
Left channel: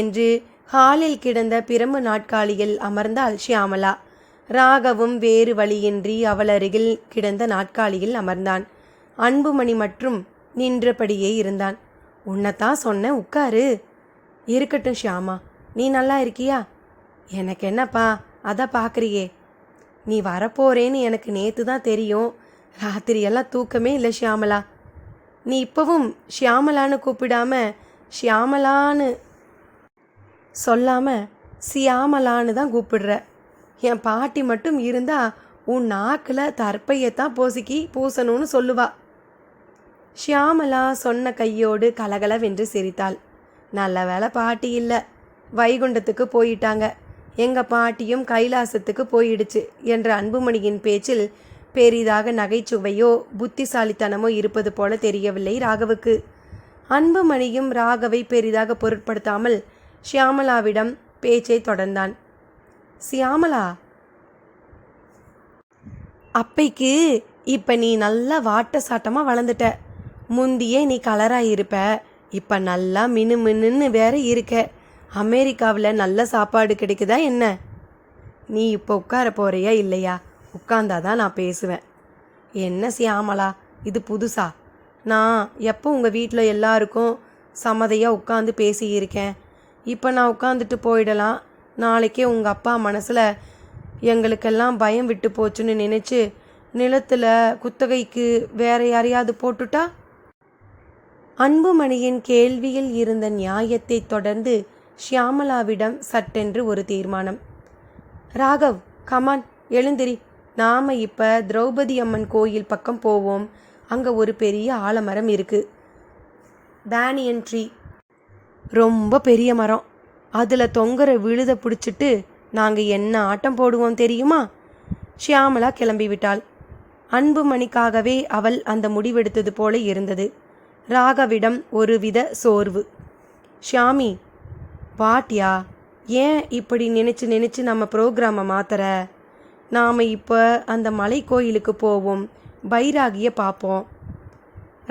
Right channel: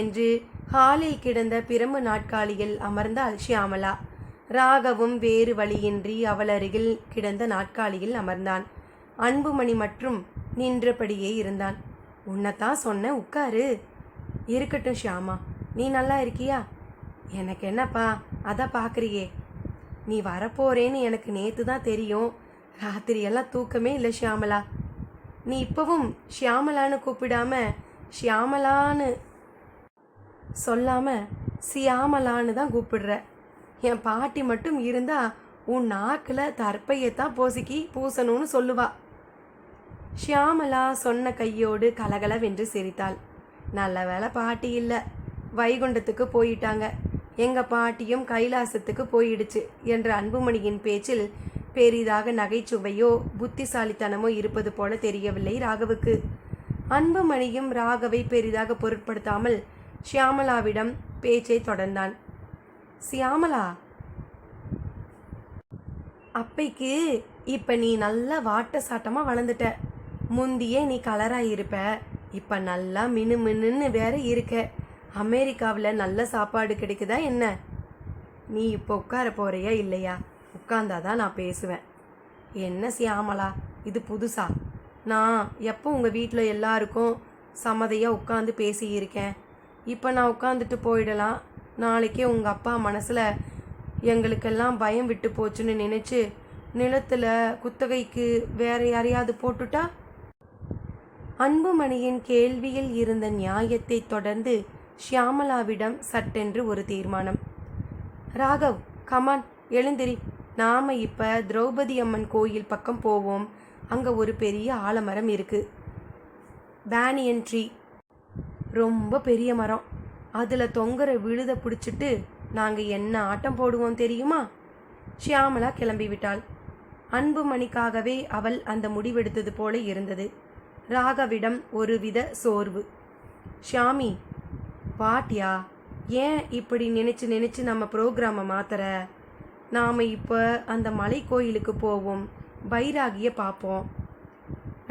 என்று ஹாலில் கிடந்த பிரம்பு நாட்காலியில் அமர்ந்தாள் ஷியாமளா. ராகவும் வேறு வழியின்றி அவள் அருகில் கிடந்த நாட்காலியில் அமர்ந்தான். அன்புமணி மற்றும் நின்றபடியே இருந்தான். உன்னைத்தான் சொன்ன, உட்காரு. இருக்கட்டும் ஷியாமா, நீ நல்லா இருக்கியா? எனக்கு என்னப்பா, அதான் பார்க்குறியே. நீ வரப்போறேன்னு எனக்கு நேற்று தான் தெரியும். ராத்திரியெல்லாம் தூக்கமே இல்லை ஷியாமலா. நீ இப்போவும் ஷியாமலான்னு கூப்பிடாம ஷியாமலான்னு சொல்லாமல் சியாமலான்னு தான் கூப்பிடுற. என் பாட்டி மட்டும் இருந்தால் உன் நாக்கில் தற்பையத்தான் பூசணும்னு சொல்லுவா. ஷியாமலா சொன்ன கையோடு கலகலவென்று சிரித்தாள். நல்ல வேலை பாட்டி இல்லை, வைகுண்டத்துக்கு போயிட்டாங்க. எங்கள் பாட்டியும் கைலாசத்துக்கு போயிடுச்சு என்ற அன்புமணியின் பேச்சில் பெரிதாக நகைச்சுவையோ புத்திசாலித்தனமோ இருப்பது போல தெரியவில்லை ராகவுக்கு. அன்புமணியும் ராகவை பெரிதாக பொருட்படுத்தாமல் ஷியாமலாவிடம் பேச்சை தொடர்ந்தான். சியாமலா, அப்பைக்கு இப்போ நீ நல்லா வாட்ட சாட்டமாக வளர்ந்துட்ட. முந்தியே நீ கலராக இருப்ப, இப்போ நல்லா மினு மினுன்னு வேற இருக்க. அமெரிக்காவில் நல்ல சாப்பாடு கிடைக்குதா என்ன? நீ இப்போ உட்கார போறியா இல்லையா? உட்கார்ந்தாதான் நான் பேசுவேன். என்ன சியாமலா, இது புதுசா? நான் எப்போ உங்கள் வீட்டில் எல்லாருக்கும் சம்மதியாக உட்காந்து பேசியிருக்கேன். இப்போ நான் உட்காந்துட்டு போயிடலாம். நாளைக்கே உங்கள் அப்பா மனசில் எங்களுக்கெல்லாம் பயம் விட்டு போச்சுன்னு நினச்சி நிலத்தில் குத்தகைக்கு வேற யாரையாவது போட்டுட்டா? அன்புமணியின் கேள்வியில் இருந்த நியாயத்தை தொடர்ந்து ஷியாமலாவிடம் சட்டென்று ஒரு தீர்மானம். ராகவ், கமான், எழுந்திரி. நாம் இப்போ திரௌபதி அம்மன் கோயில் பக்கம் போவோம். அங்கே ஒரு பெரிய ஆலமரம் இருக்குது, பேனியன் ட்ரீ. ரொம்ப பெரிய மரம். அதில் தொங்குற விழுத பிடிச்சிட்டு நாங்கள் என்ன ஆட்டம் போடுவோம் தெரியுமா? ஷியாமலா கிளம்பிவிட்டாள். அன்புமணிக்காகவே அவள் அந்த முடிவெடுத்தது போல இருந்தது. ராகவிடம் ஒருவித சோர்வு. ஷியாமி, பாட்டியா, ஏன் இப்படி நினச்சி நம்ம ப்ரோக்ராமை மாத்துற? நாம் இப்போ அந்த மலை கோயிலுக்கு போவோம், பைராகியை பார்ப்போம்.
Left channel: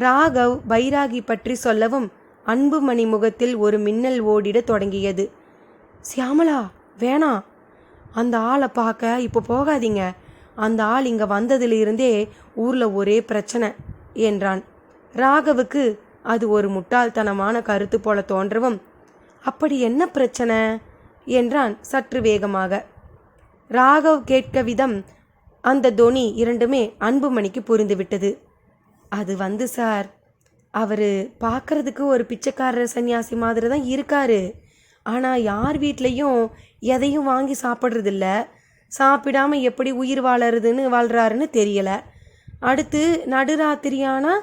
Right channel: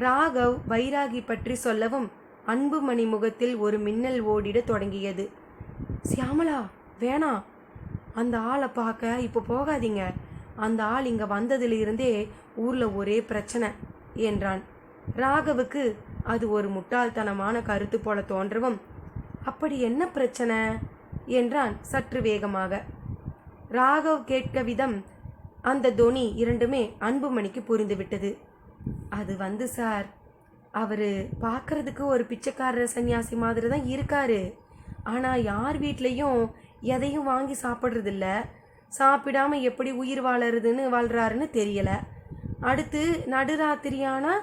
ராகவ் பைராகி பற்றி சொல்லவும் அன்புமணி முகத்தில் ஒரு மின்னல் ஓடிட தொடங்கியது. சியாமலா, வேணாம், அந்த ஆளை பார்க்க இப்போ போகாதீங்க. அந்த ஆள் இங்கே வந்ததிலிருந்தே ஊரில் ஒரே பிரச்சனை என்றான். ராகவுக்கு அது ஒரு முட்டாள்தனமான கருத்து போல தோன்றவும், அப்படி என்ன பிரச்சனை என்றான் சற்று வேகமாக. ராகவ் கேட்க விதம், அந்த தொனி இரண்டுமே அன்புமணிக்கு புரிந்துவிட்டது. அது சார், அவர் பார்க்கறதுக்கு ஒரு பிச்சைக்காரர் சன்னியாசி மாதிரி தான் இருக்காரு. ஆனால் யார் வீட்லேயும் எதையும் வாங்கி சாப்பிட்றதில்ல. சாப்பிடாம எப்படி உயிர் வாழ்கிறாருன்னு தெரியலை. அடுத்து நடுராத்திரியானா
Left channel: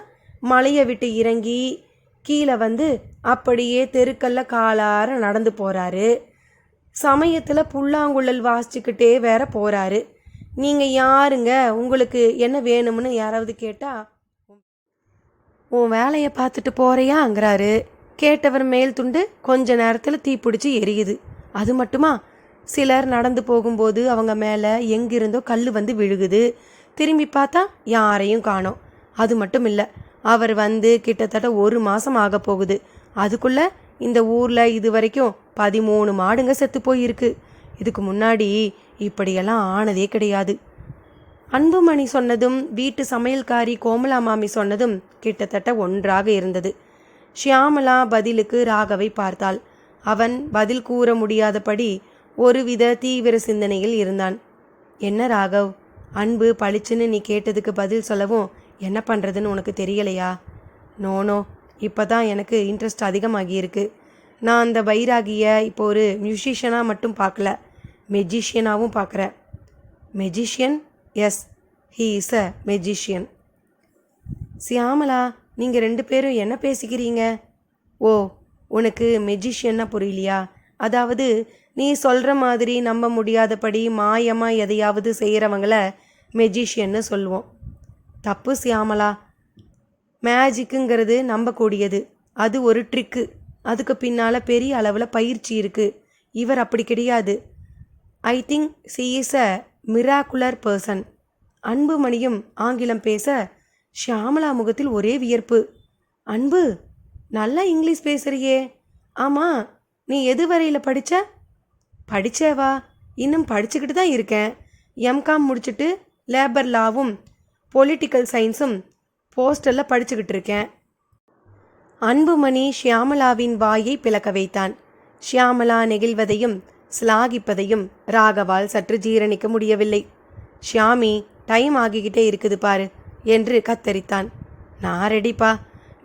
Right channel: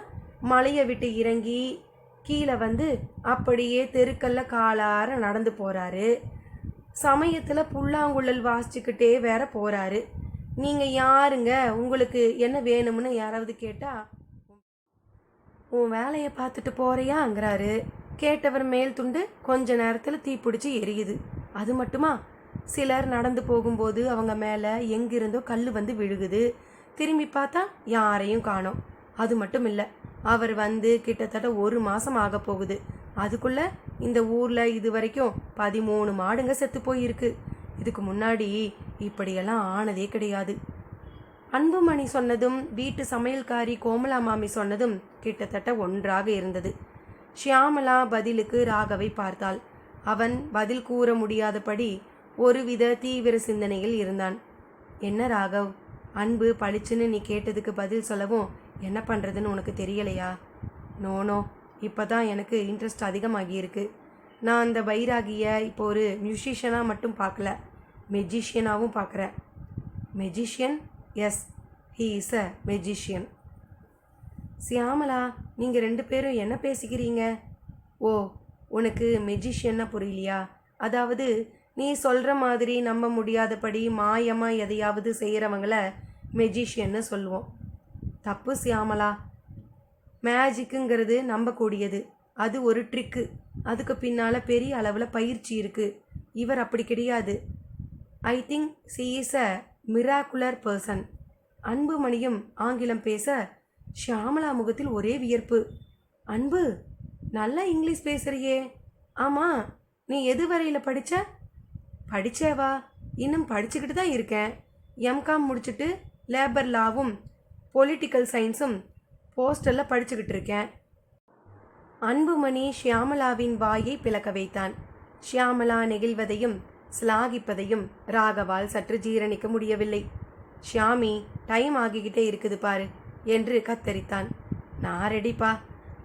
மலையை விட்டு இறங்கி கீழே வந்து அப்படியே தெருக்கல்ல காலார நடந்து போகிறாரு. சமயத்தில் புல்லாங்குழல் வாசிச்சுக்கிட்டே வேற போகிறாரு. நீங்கள் யாருங்க, உங்களுக்கு என்ன வேணும்னு யாராவது கேட்டால் உன் வேலையை பார்த்துட்டு போகிறியாங்கிறாரு. கேட்டவர் மேல் துண்டு கொஞ்ச நேரத்தில் தீப்பிடிச்சி எரியுது. அது மட்டுமா, சிலர் நடந்து போகும்போது அவங்க மேலே எங்கிருந்தோ கல் வந்து விழுகுது. திரும்பி பார்த்தா யாரையும் காணோம். அது மட்டும் இல்லை, அவர் வந்து கிட்டத்தட்ட 1 மாதம் ஆக போகுது. அதுக்குள்ளே இந்த ஊரில் இது வரைக்கும் 13 மாடுங்க செத்து போயிருக்கு. இதுக்கு முன்னாடி இப்படியெல்லாம் ஆனதே கிடையாது. அன்புமணி சொன்னதும் வீட்டு சமையல்காரி கோமலா மாமி சொன்னதும் கிட்டத்தட்ட ஒன்றாக இருந்தது. ஷியாமலா பதிலுக்கு ராகவை பார்த்தாள். அவன் பதில் கூற முடியாதபடி ஒருவித தீவிர சிந்தனையில் இருந்தான். என்ன ராகவ், அன்பு பளிச்சுன்னு நீ கேட்டதுக்கு பதில் சொல்லவும் என்ன பண்ணுறதுன்னு உனக்கு தெரியலையா? நோனோ, இப்போ தான் எனக்கு இன்ட்ரெஸ்ட் அதிகமாகியிருக்கு. நான் அந்த பைராகியை இப்போ ஒரு மியூசிஷியனாக மட்டும் பார்க்கல, மெஜிஷியனாகவும் பார்க்குறேன். Magician? Yes, he is a magician. Shyamala, நீங்கள் 2 பேரும் என்ன பேசிக்கிறீங்க? ஓ, உனக்கு மெஜிஷியன்னா புரியலையா? அதாவது நீ சொல்கிற மாதிரி நம்ப முடியாதபடி மாயமாக எதையாவது செய்கிறவங்கள மெஜிஷியன்னு சொல்லுவோம். தப்பு சியாமலா. மேஜிக்குங்கிறது நம்பக்கூடியது, அது ஒரு ட்ரிக்கு. அதுக்கு பின்னால் பெரிய அளவில் பயிற்சி இருக்குது. இவர் அப்படி கிடையாது. I think she is a miraculous person. அன்புமணியும் ஆங்கிலம் பேச ஷியாமளா முகத்தில் ஒரே வியர்ப்பு. அன்பு, நல்லா இங்கிலீஷ் பேசுறியே. ஆமாம், நீ எது வரையில் படித்த? படித்தேவா? இன்னும் படிச்சுக்கிட்டு தான் இருக்கேன். எம்காம் முடிச்சுட்டு லேபர் லாவும் பொலிட்டிக்கல் சயின்ஸும் போஸ்டலில் படிச்சுக்கிட்டு இருக்கேன். அன்புமணி ஷியாமளாவின் வாயை பிளக்க வைத்தான். ஷியாமளா நெகிழ்வதையும் சிலாகிப்பதையும் ராகவால் சற்று ஜீரணிக்க முடியவில்லை. ஷியாமி, டைம் ஆகிக்கிட்டே இருக்குது பாரு என்று கத்தரித்தான். நான் ரெடிப்பா.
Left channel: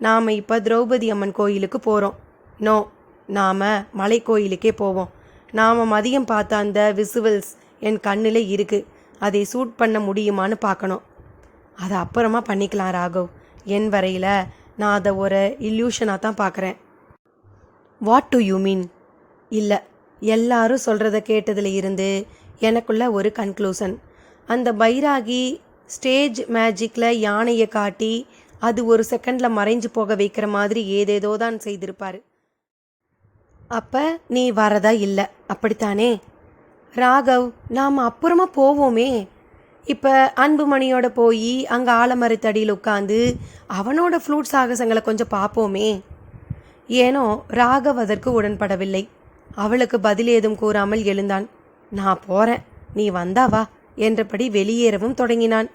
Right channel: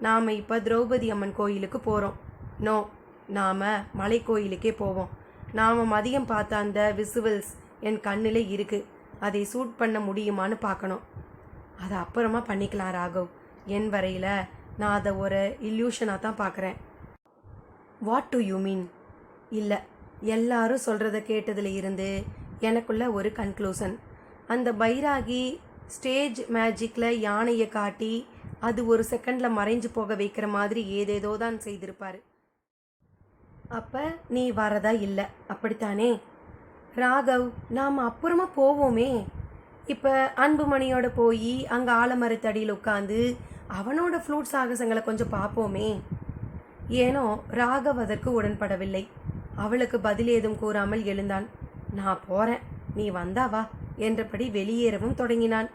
நாம் இப்போ திரௌபதி அம்மன் கோயிலுக்கு போகிறோம். நோ, நாம் மலை கோயிலுக்கே போவோம். நாம் மதியம் பார்த்த அந்த விசுவல்ஸ் என் கண்ணில் இருக்குது. அதை சூட் பண்ண முடியுமான்னு பார்க்கணும். அதை அப்புறமா பண்ணிக்கலாம் ராகவ். என் வரையில் நான் அதை ஒரு இல்யூஷனாக தான் பார்க்குறேன். What to you mean? இல்லை, எல்லாரும் சொல்கிறத கேட்டதில் இருந்து எனக்குள்ள ஒரு கன்க்ளூஷன். அந்த பைராகி ஸ்டேஜ் மேஜிக்கில் யானையை காட்டி அது ஒரு செகண்டில் மறைஞ்சு போக வைக்கிற மாதிரி ஏதேதோ தான் செய்திருப்பார். அப்போ நீ வரதா இல்லை, அப்படித்தானே? ராகவ், நாம் அப்புறமா போவோமே. இப்போ அன்புமணியோட போய் அங்கே ஆலமரத்தடியில் உட்காந்து அவனோட ஃப்ளூட் சாகசங்களை கொஞ்சம் பார்ப்போமே. ஏனோ ராகவ் அதற்கு உடன்படவில்லை. அவளுக்கு பதில் ஏதும் கூறாமல் எழுந்தான். நான் போகிறேன், நீ வந்தாவா என்றபடி வெளியேறவும் தொடங்கினான்.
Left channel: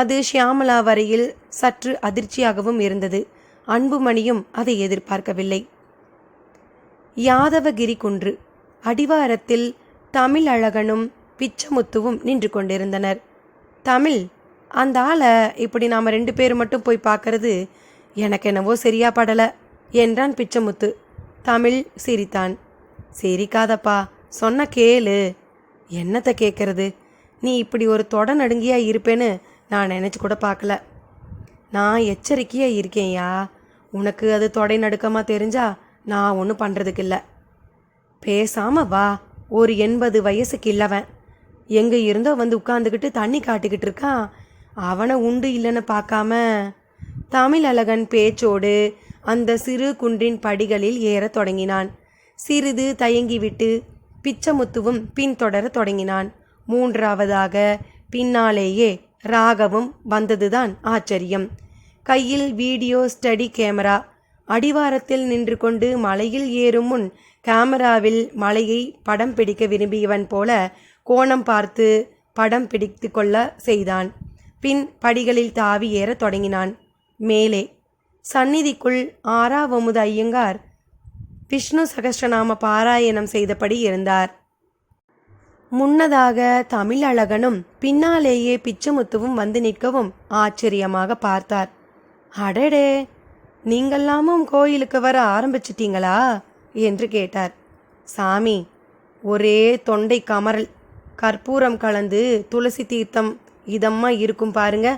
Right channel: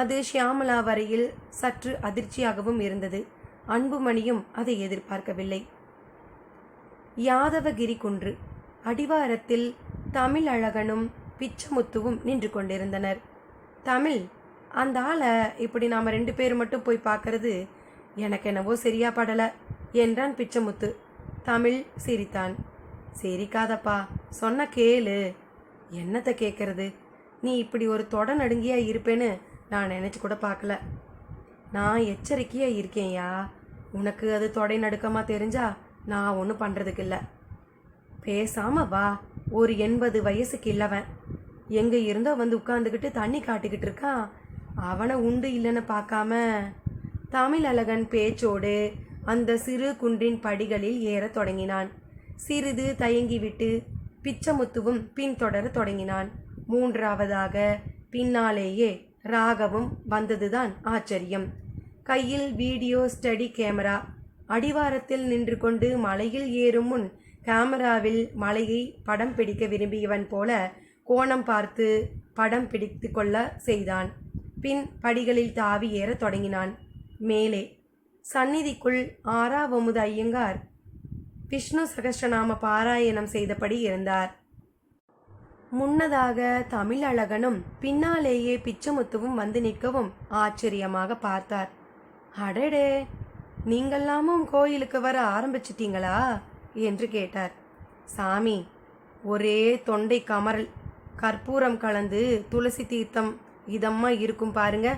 அது ஷியாமளா வரையில் சற்று அதிர்ச்சியாகவும் இருந்தது. அன்புமணியும் அதை எதிர்பார்க்கவில்லை. யாதவகிரி குன்று அடிவாரத்தில் தமிழ் அழகனும் பிச்சமுத்துவும் நின்று கொண்டிருந்தனர். தமிழ், அந்த ஆளை இப்படி நாம் 2 பேர் மட்டும் போய் பார்க்கறது எனக்கு என்னவோ சரியா படலை என்றான் பிச்சமுத்து. தமிழ் சிரித்தான். சிரிக்காதப்பா, சொன்ன கேளு. என்னத்தை கேட்கறது? நீ இப்படி ஒரு தொட நடுங்கியாக இருப்பேன்னு நான் நினச்சி கூட பார்க்கல. நான் எச்சரிக்கையாக இருக்கேன்யா. உனக்கு அது தொடை நடுக்கமாக தெரிஞ்சா நான் ஒன்றும் பண்ணுறதுக்கு இல்லை. பேசாமல் வா. ஒரு 80 வயசுக்கு இல்லவன் எங்கே இருந்தோ வந்து உட்காந்துக்கிட்டு தண்ணி காட்டிக்கிட்டு இருக்கான். அவனை உண்டு இல்லைன்னு பார்க்காம. தமிழ் அழகன் பேச்சோடு அந்த சிறு குன்றின் படிகளில் ஏறத் தொடங்கினான். சிறிது தயங்கிவிட்டு பிச்சமுத்துவும் பின்தொடர தொடங்கினான். 3ஆவதாக பின்னாலேயே ராகவும் வந்ததுதான் ஆச்சரியம். கையில் வீடியோ ஸ்டடி கேமரா. அடிவாரத்தில் நின்று கொண்டு மலையில் ஏறும் முன் கேமராவில் மலையை படம் பிடிக்க விரும்பியவன் போல கோணம் பார்த்து படம் பிடித்து கொள்ள செய்தான். பின் படிகளில் தாவி ஏற தொடங்கினான். மேலே சந்நிதிக்குள் ஆறாவமுது ஐயங்கார் விஷ்ணு சகஸ்ரநாம பாராயணம் செய்தபடி இருந்தார். முன்னதாக தமிழழகனும் பின்னாலேயே பிச்சமுத்துவும் வந்து நிற்கவும் ஆச்சரியமாக பார்த்தார். அடடே, நீங்கள்லாமும் கோயிலுக்கு வர ஆரம்பிச்சிட்டீங்களா என்று கேட்டார். சாமி, ஒரே தொண்டை கமரல், கற்பூரம் கலந்து துளசி தீர்த்தம் இதம்மா இருக்கும் பாருங்க,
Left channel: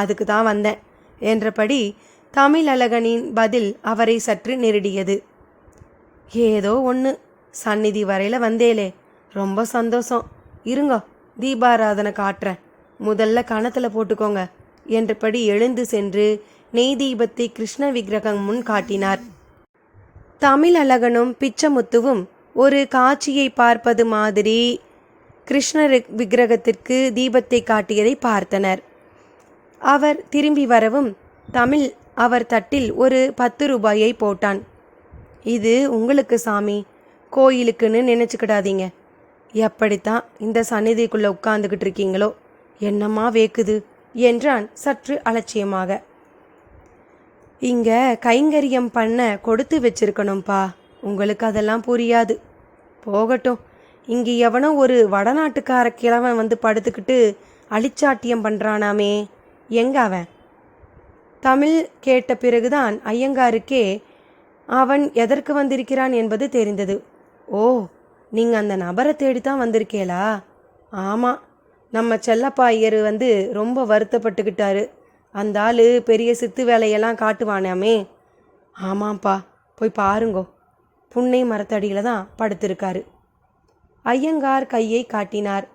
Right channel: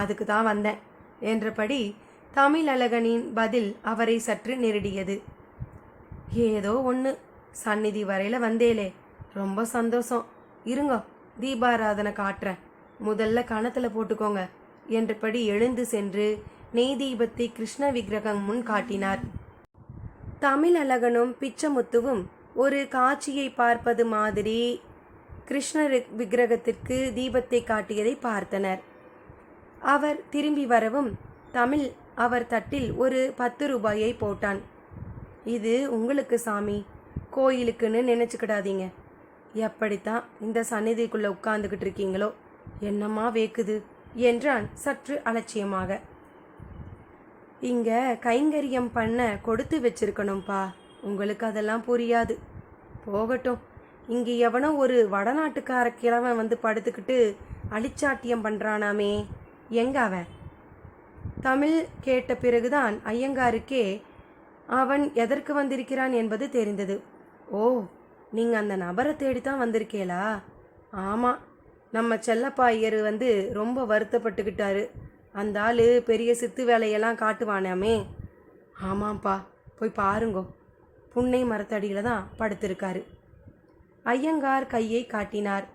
அதுக்கு தான் வந்தேன் என்றபடி தமிழழகனின் பதில் அவரை சற்று நெருடியது. ஏதோ ஒன்று, சந்நிதி வரையில் வந்தேலே, ரொம்ப சந்தோஷம். இருங்க, தீபாராதனை காட்டுறேன், முதல்ல கணத்தில் போட்டுக்கோங்க என்றபடி எழுந்து சென்று நெய் தீபத்தை கிருஷ்ண விக்கிரகம் முன் காட்டினார். தமிழழகனும் பிச்சமுத்துவும் ஒரு காட்சியை பார்ப்பது மாதிரி கிருஷ்ண விக்கிரகத்திற்கு தீபத்தை காட்டியதை பார்த்தனர். அவர் திரும்பி வரவும் தமிழ் அவர் தட்டில் ஒரு 10 ரூபாயை போட்டான். இது உங்களுக்கு சாமி, கோயிலுக்குன்னு நினச்சிக்கிடாதீங்க. எப்படித்தான் இந்த சந்நிதிக்குள்ளே உட்கார்ந்துக்கிட்டு இருக்கீங்களோ, என்னம்மா வேக்குது என்றான் சற்று அலட்சியமாக. இங்கே கைங்கரியம் பண்ண கொடுத்து வச்சிருக்கணும்ப்பா, உங்களுக்கு அதெல்லாம் புரியாது. போகட்டும், இங்கே எவனோ ஒரு வடநாட்டுக்கார கிழவன் வந்து படுத்துக்கிட்டு அழிச்சாட்டியம் பண்ணுறானாமே, எங்க அவன்? தமிழ் கேட்ட பிறகுதான் ஐயங்காருக்கே அவன் எதற்கு வந்திருக்கிறான் என்பது தெரிந்தது. ஓ, நீங்கள் அந்த நபரை தேடித்தான் வந்திருக்கேளா? ஆமாம், நம்ம செல்லப்பா ஐயர் வந்து ரொம்ப வருத்தப்பட்டுக்கிட்டாரு. அந்த ஆள் பெரிய சித்து வேலையெல்லாம் காட்டுவானாமே. ஆமாம்ப்பா, போய் பாருங்கோ, புன்னை மரத்தடியில் தான் படுத்திருக்காரு. ஐயங்கார் கையை காட்டினார்.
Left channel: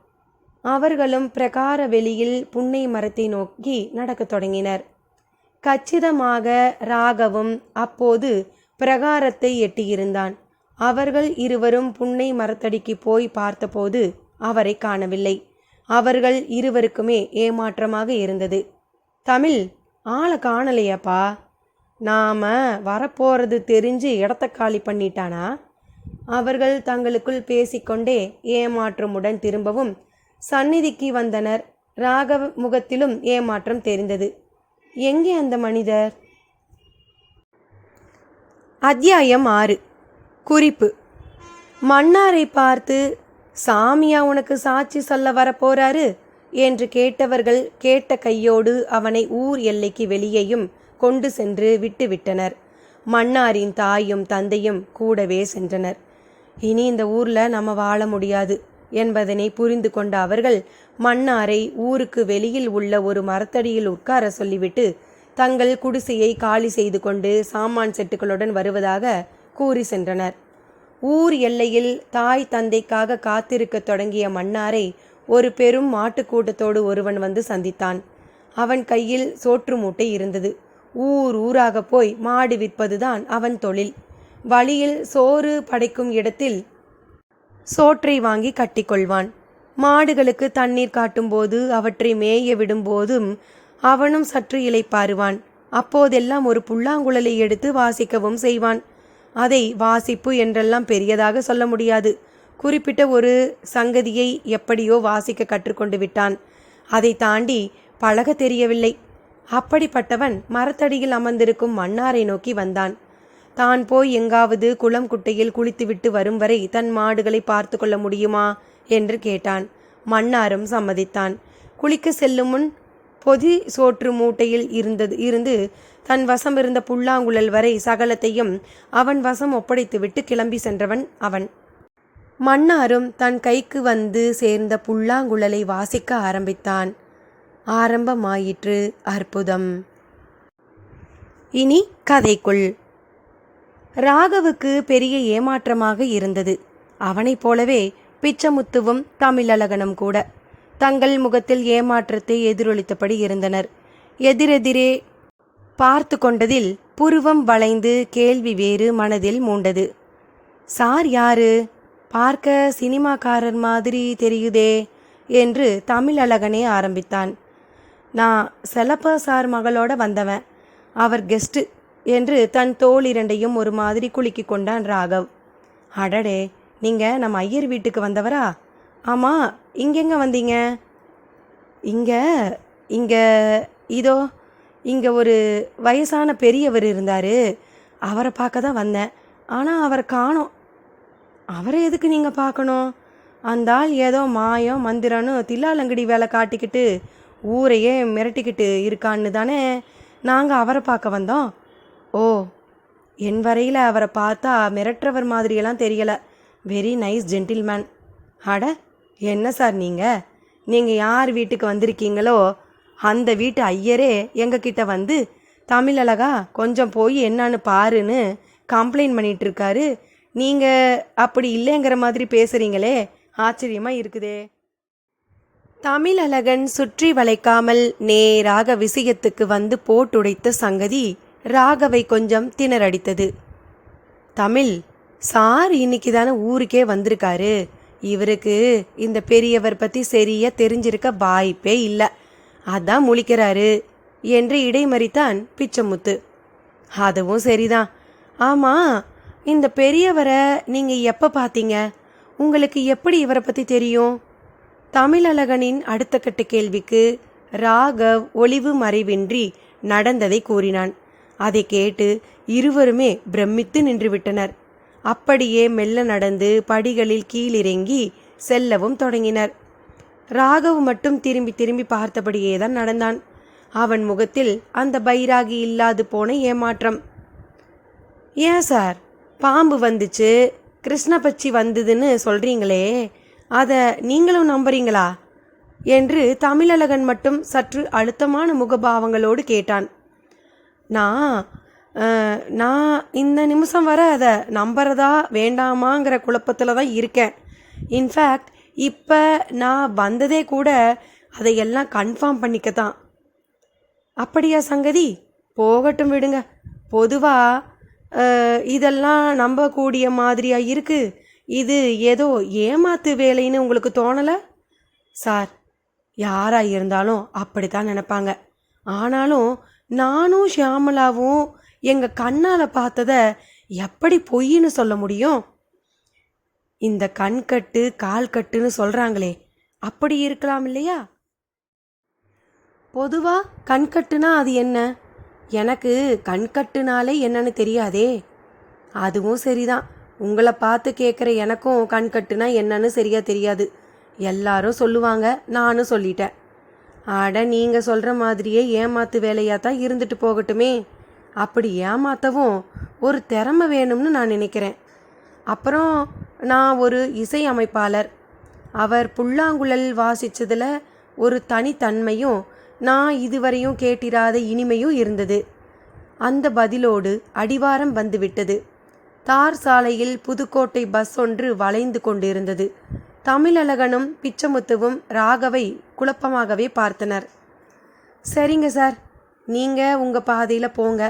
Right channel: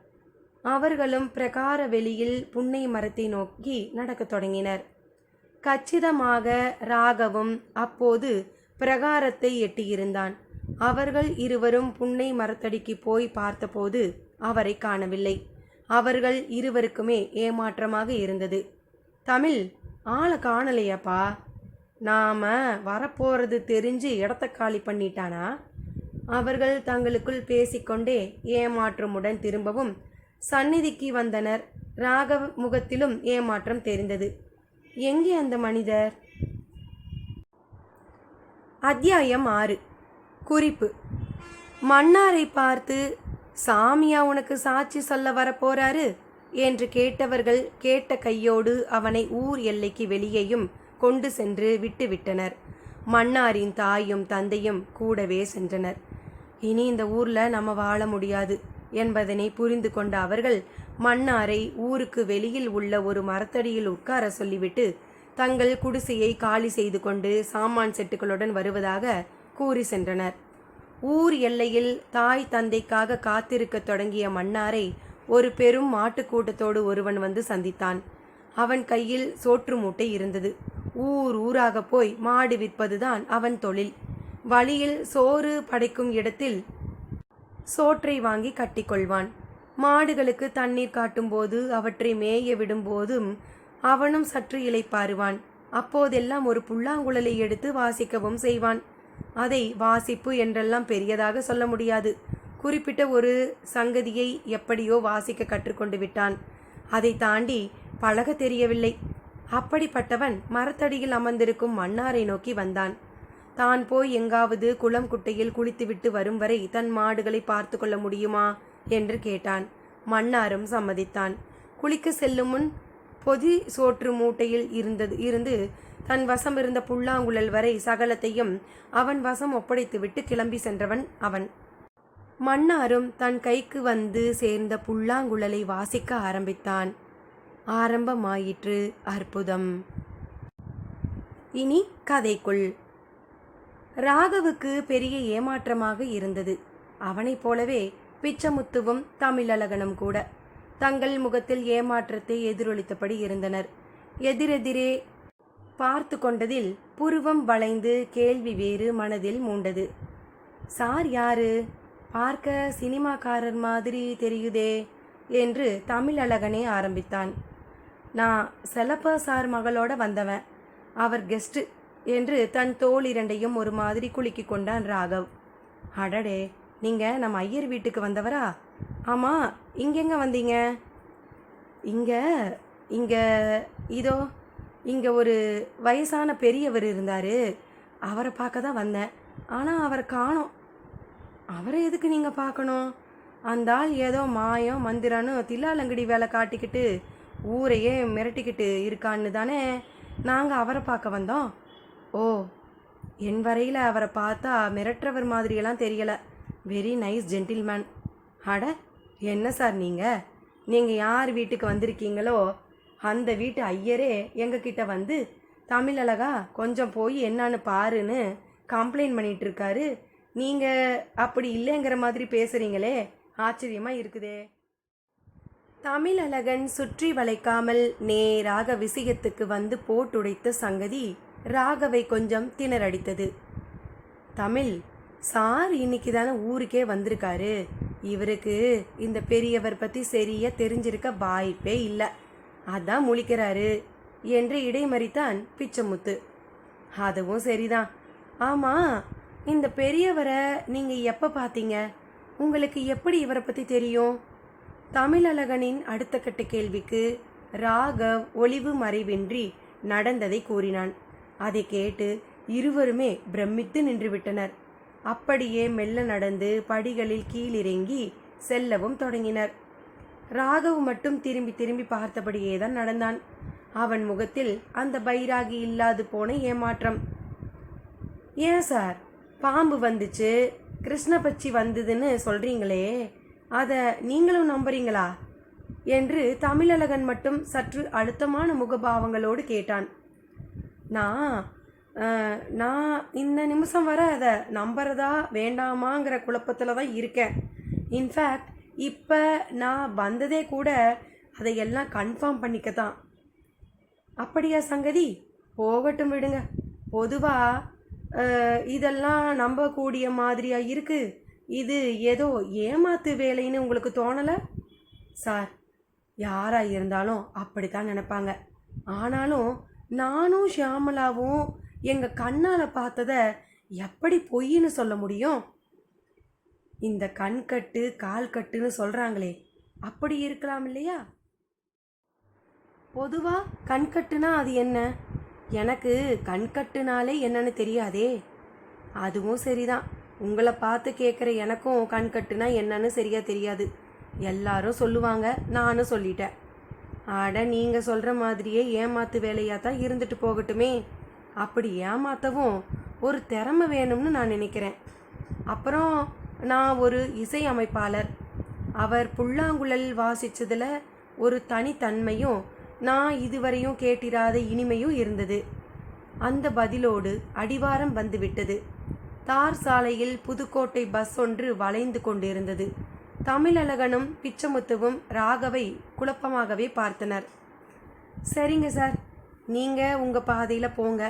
அவர்களும் பிரகார வெளியில் புன்னை மரத்தை நோக்கி நடக்கத் தொடங்கினர். கச்சிதமாக ராகவும் அப்போது பிரகாரத்தை எட்டியிருந்தான். அவர்கள் இருவரும் புன்னை மரத்தடிக்கு போய் பார்த்தபோது அவரை காணவில்லை. அவர்கள் இருவருக்குமே ஏமாற்றமாக இருந்தது. தமிழ், ஆளை காணலையாப்பா. நாம வரப்போறது தெரிஞ்சு இடத்த காலி பண்ணிட்டானா? அவர்கள் தங்களுக்குள் பேசிக்கொண்டே ஏமாற்றமுடன் திரும்பவும் சந்நிதிக்கு வந்தனர். ராகவ் முகத்திலும் ஏமாற்றம் தெரிந்தது. எங்கே அந்த மனிதர்? அத்தியாயம் 6. குறிப்பு: மன்னாரை பார்த்து, சாமியா உனக்கு சாட்சி சொல்ல வரப்போறாரு என்று கேட்டவர்கள் கேட்ட கையோடு அவனை ஊர் எல்லைக்கு வெளியேயும் கொண்டு சென்று விட்டுவிட்டனர். மன்னாரின் தாயும் தந்தையும் கூடவே சென்றனர். இனி இந்த ஊரில் நம்ம வாழ முடியாது என்பதனை புரிந்து கொண்ட அவர்கள் மன்னாரை ஊருக்கு வெளியில் உள்ள ஒரு மரத்தடியில் உட்கார சொல்லிவிட்டு தங்கள் குடிசையை காலி செய்து கொண்டு சாமான் செட்டுகளுடன் வருவதாக கூறி சென்றனர். ஊர் எல்லையில் தாய் தந்தைக்காக காத்திருக்க தொடங்கிய மன்னாரை ஒரு பெரும் மாட்டுக்கூட்டத்தோடு ஒருவன் வந்து சந்தித்தான். அவன் கையில் சோற்று மூட்டை இருந்தது. ஊர் ஊராக போய் மாடு விற்பதுதான் அவன் தொழில். வழியில் சோறு படைக்கும் இடத்தில் சோற்றை வாங்கி கட்டிக்கொள்வான். மாடுகளுக்கு தண்ணீர் காட்டும்போது அவற்றை மேய விடும்போதும் அவனும் சற்று இளைப்பாறுவான். அப்போதெல்லாம் ஒரு புல்லாங்குழலை எடுத்து வாசிக்கவும் செய்வான். அதை வாசிப்பு என்றெல்லாம் பெரியதாக சொல்ல முடியாது. குறிப்பிட்ட ஒரு சங்கதியை எப்படியோ வாசிக்க கற்றுக்கொண்டு விட்டான். அதை தாண்டி பழக தெரியவில்லை. அப்படிப்பட்டவன் மரத்தடியில் அமர்ந்திருக்கும் மன்னாரை நோக்கி வந்தான். தான் போய் எங்காவது குளம் குட்டையில் குளித்துவிட்டு வரும் வரை தன் மாடுகளை பார்த்து கொள்ள முடியுமா என்று கேட்டான். மன்னாரும் சம்மதித்தான். குளிக்க செல்லும் முன் பொதி சோற்று மூட்டையில் இருந்து தன் வசம் இருந்த புல்லாங்குழல் வரை சகலத்தையும் அவன் வசம் ஒப்படைத்துவிட்டு கிளம்பி சென்றவன் அவன். மன்னாரும் தன் கைக்கு வந்து சேர்ந்த புல்லாங்குழலை வாசிக்க ஆரம்பித்தான். ஆரம்பமாயிற்று அற்புதம். இனி கதைக்குள். ராகவுக்கு பெரிய ஏமாற்றமாக இருந்தது. அவனைப் போலவே பிச்சமுத்துவும் தமிழழகனும் கூட தங்கள் முகத்தில் ஏமாற்றத்தை எதிரொலித்தபடி இருந்தனர். எதிரெதிரே பார்த்து கொண்டதில் புருவம் வளைந்து கேள்வி வேறு மனதில் மூண்டது. சார் யாரு? பார்க்க சினிமாக்காரர் மாதிரி தெரியுதே என்று தமிழழகனே ஆரம்பித்தான். நான் செலப்பா சார் மகளோட வந்தவன், அவர் கெஸ்ட்டு என்று தன் தோள் இரண்டையும் ஒரு மாதிரி குலுக்கி கொண்டான் ராகவ். அடடே, நீங்கள் நம்ம ஐயர் வீட்டுக்கு வந்தவரா? ஆமாம், இங்கெங்க வந்தீங்க? இங்கே இதோ இங்கே ஒரு வயசான பெரியவர் இருந்தார், அவரை பார்க்க தான் வந்தேன். ஆனால் அவரை காணோம். அவரை எதுக்கு நீங்கள் பார்க்கணும்? அந்த ஆள் ஏதோ மாயம் மந்திரன்னு தில்லாலங்கடி வேலை காட்டிக்கிட்டு ஊரையே மிரட்டிக்கிட்டு இருக்கான்னு தானே நாங்கள் அவரை பார்க்க வந்தோம். ஓ, என் வரையில் அவரை பார்த்தா மிரட்டுறவர் மாதிரியெல்லாம் தெரியலை. Very nice gentleman. அட, என்ன சார் நீங்கள் யார் வீட்டுக்கு வந்திருக்கீங்களோ அந்த வீட்டு ஐயரே எங்ககிட்ட வந்து தமிழழகா கொஞ்சம் போய் என்னன்னு பாருன்னு கம்ப்ளைண்ட் பண்ணிகிட்டு இருக்காரு. நீங்கள் அப்படி இல்லைங்கிற மாதிரி பேசுகிறீங்களே, ஆச்சரியமாக இருக்குதே. தமிழழகன் சுற்றி வளைக்காமல் நேராக விஷயத்துக்கு வந்து போட்டுடைத்த சங்கதி ராகவை கொஞ்சம் திணறடித்தது. தமிழ், சார் இன்னைக்கு தானே ஊருக்கே வந்திருக்காரு. இவருக்கு இந்த பெரியவர் பற்றி சரியாக தெரிஞ்சிருக்க வாய்ப்பே இல்லை, அதான் முழிக்கிறாரு என்று இடைமறித்தான் பிச்சமுத்து. அதுவும் சரிதான். ஆமாம், இந்த பெரியவரை நீங்கள் எப்போ பார்த்தீங்க? உங்களுக்கு எப்படி இவரை பற்றி தெரியும்? தமிழழகனின் அடுத்த கட்ட கேள்விக்கு ராகவ் ஒளிவு மறைவின்றி நடந்ததை கூறினான். அதை கேட்டு இருவருமே பிரமித்து நின்றுவிட்டனர். அப்படியே மெல்ல நடந்து படிகளில் கீழிறங்கி செல்லவும் தொடங்கினர். ராகவ் மட்டும் திரும்பி திரும்பி பார்த்தபடியே தான் நடந்தான். அவன் முகத்தில் அந்த பைராகி இல்லாது போன ஏமாற்றம். ஏன் சார், பாம்பு வந்துச்சு, கிருஷ்ணபட்சி வந்ததுன்னு சொல்கிறீங்களே, அதை நீங்களும் நம்புறீங்களா என்று தமிழழகன் மட்டும் சற்று அழுத்தமான முகபாவங்களோடு கேட்டான். நான் இந்த நிமிஷம் வர அதை நம்புறதா வேண்டாமாங்கிற குழப்பத்தில் தான் இருக்கேன். இன்ஃபேக்ட் இப்போ நான் வந்ததே கூட அதையெல்லாம் கன்ஃபார்ம் பண்ணிக்கத்தான். அப்படியா சங்கதி? போகட்டும் விடுங்க. பொதுவாக இதெல்லாம் நம்பக்கூடிய மாதிரியா இருக்குது. இது ஏதோ ஏமாத்து வேலைன்னு உங்களுக்கு தோணலை? சார், யாராக இருந்தாலும் அப்படித்தான் நினைப்பாங்க. ஆனாலும் நானும் ஷியாமலாவும் எங்கள் கண்ணால் பார்த்ததை எப்படி பொய்ன்னு சொல்ல முடியும்? இந்த கண்கட்டு கால் கட்டுன்னு சொல்கிறாங்களே, அப்படி இருக்கலாம் இல்லையா? பொதுவாக கண்கட்டுனா அது என்ன? எனக்கு கண்கட்டுனாலே என்னன்னு தெரியாதே. அதுவும் சரிதான். உங்களை பார்த்து கேட்குற எனக்கும் கண்கட்டுனா என்னன்னு சரியாக தெரியாது. எல்லாரும் சொல்லுவாங்க, நானும் சொல்லிட்டேன். அட, நீங்கள் சொல்கிற மாதிரியே ஏமாத்து வேலையாக தான் இருந்துட்டு போகட்டுமே. அப்படி ஏமாற்றவும் ஒரு திறமை வேணும்னு நான் நினைக்கிறேன். அப்புறம் நான் ஒரு இசை அமைப்பாளர். அவர் புல்லாங்குழல் வாசித்ததில் ஒரு தனித்தன்மையும் நான் இதுவரையும் கேட்டிராத இனிமையும் இருந்தது. அந்த பதிலோடு அடிவாரம் வந்துவிட்டது. தார் சாலையில் புதுக்கோட்டை பஸ் ஒன்று வளைந்து கொண்டிருந்தது. தமிழழகனும் பிச்சமுத்துவும் ராகவை குழப்பமாகவே பார்த்தனர். சரிங்க சார், நீங்கள் உங்கள் பாதையில் போங்க.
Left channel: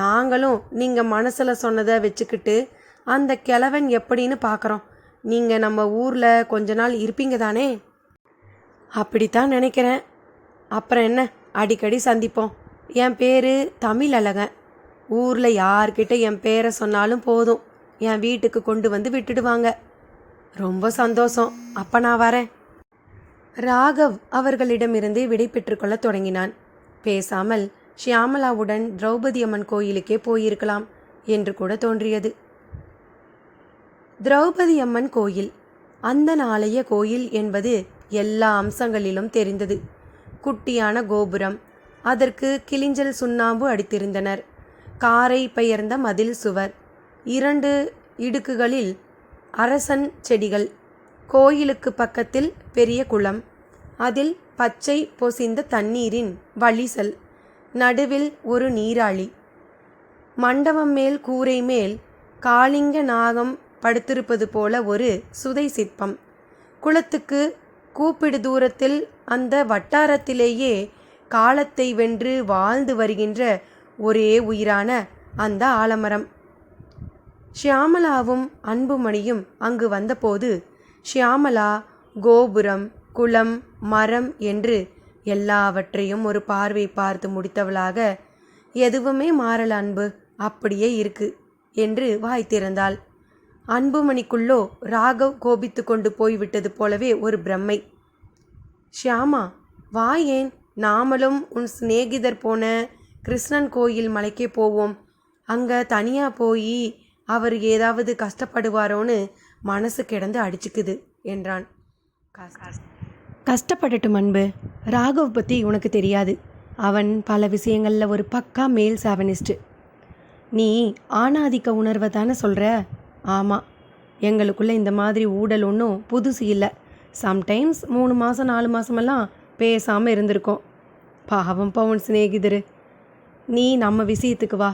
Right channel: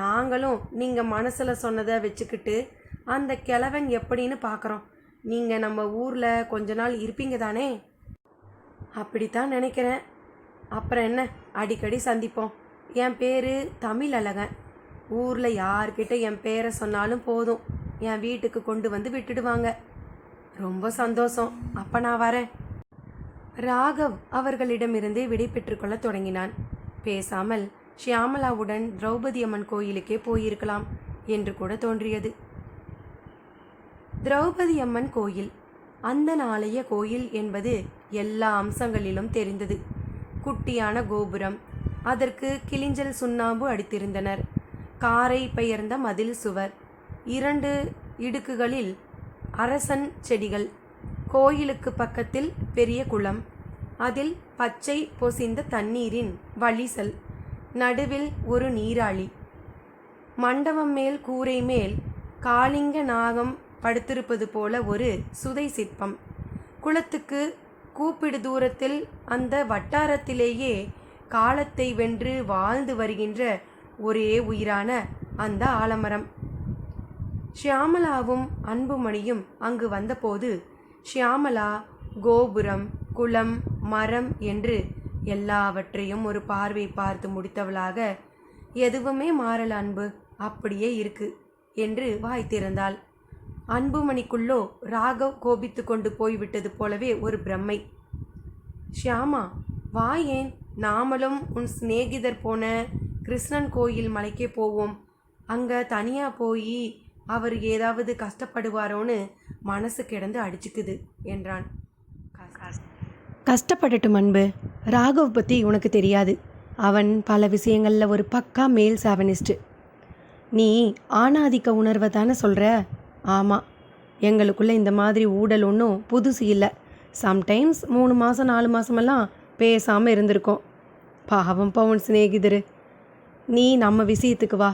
நாங்களும் நீங்கள் மனசில் சொன்னதை வச்சுக்கிட்டு அந்த கிழவன் எப்படின்னு பார்க்குறோம். நீங்கள் நம்ம ஊரில் கொஞ்ச நாள் இருப்பீங்க தானே? அப்படித்தான் நினைக்கிறேன். அப்புறம் என்ன, அடிக்கடி சந்திப்போம். என் பேர் தமிழழகன். ஊரில் யார்கிட்ட என் பேரை சொன்னாலும் போதும், என் வீட்டுக்கு கொண்டு வந்து விட்டுடுவாங்க. ரொம்ப சந்தோஷம். அப்போ நான் வரேன். ராகவ் அவர்களிடமிருந்து விடை பெற்றுக்கொள்ள தொடங்கினான். பேசாமல் ஷியாமலாவுடன் திரௌபதி அம்மன் கோயிலுக்கே போயிருக்கலாம் என்று கூட தோன்றியது. திரௌபதி அம்மன் கோயில் அந்த நாளைய கோயில் என்பது எல்லா அம்சங்களிலும் தெரிந்தது. குட்டியான கோபுரம், அதற்கு கிளிஞ்சல் சுண்ணாம்பு அடித்திருந்தனர். காரை பெயர்ந்த மதில் சுவர், 2 இடுக்குகளில் அரசன் செடிகள், கோயிலுக்கு பக்கத்தில் பெரிய குளம், அதில் பச்சை பொசிந்த தண்ணீரின் வழிசல், நடுவில் ஒரு நீராழி, மண்டபம் மேல் கூரை மேல் காளிங்க நாகம் படுத்திருப்பது போல ஒரு சுதை சிற்பம், குளத்துக்கு கூப்பிடு தூரத்தில் அந்த வட்டாரத்திலேயே காலத்தை வென்று வாழ்ந்து வருகின்ற ஒரே உயிரான அந்த ஆலமரம். ஷியாமலாவும் அன்புமணியும் அங்கு வந்தபோது ஷியாமலா கோபுரம், குளம், மரம் என்று எல்லாவற்றையும் ஒரு பார்வை பார்த்து முடித்தவளாக, எதுவுமே மாறல அன்பு, அப்படியே இருக்கு என்று வாய் திறந்தாள். அன்புமணிக்குள்ளோ ராகவ் கோபித்து கொண்டு போய்விட்டது போலவே ஒரு பிரம்மை. ஷியாமா, வா, ஏன் நாமளும் உன் சிநேகிதர் போன கிருஷ்ணன் கோயில் மலைக்கே போவோம். அங்கே தனியாக போய் அவர் ஏதாவது கஷ்டப்படுவாரோன்னு மனசு கிடந்து அடிச்சுக்குது என்றான். கஷ்டப்படட்டும் அன்பு, ராகவ் பற்றி உனக்கு தெரியாது. அவன் பல விஷயங்களில் ஒரு பக்கா மேல் சாவனிஸ்ட்டு. நீ ஆணாதிக்க உணர்வை தானே சொல்கிற? ஆமாம், எங்களுக்குள்ளே இந்த மாதிரி ஊடல் ஒன்றும் புதுசு இல்லை. சம்டைம்ஸ் 3 மாதம் 4 மாதமெல்லாம் பேசாமல் இருந்திருக்கோம். பாவம் பவுன் சிநேகிதரு. நீ நம்ம விஷயத்துக்கு வா.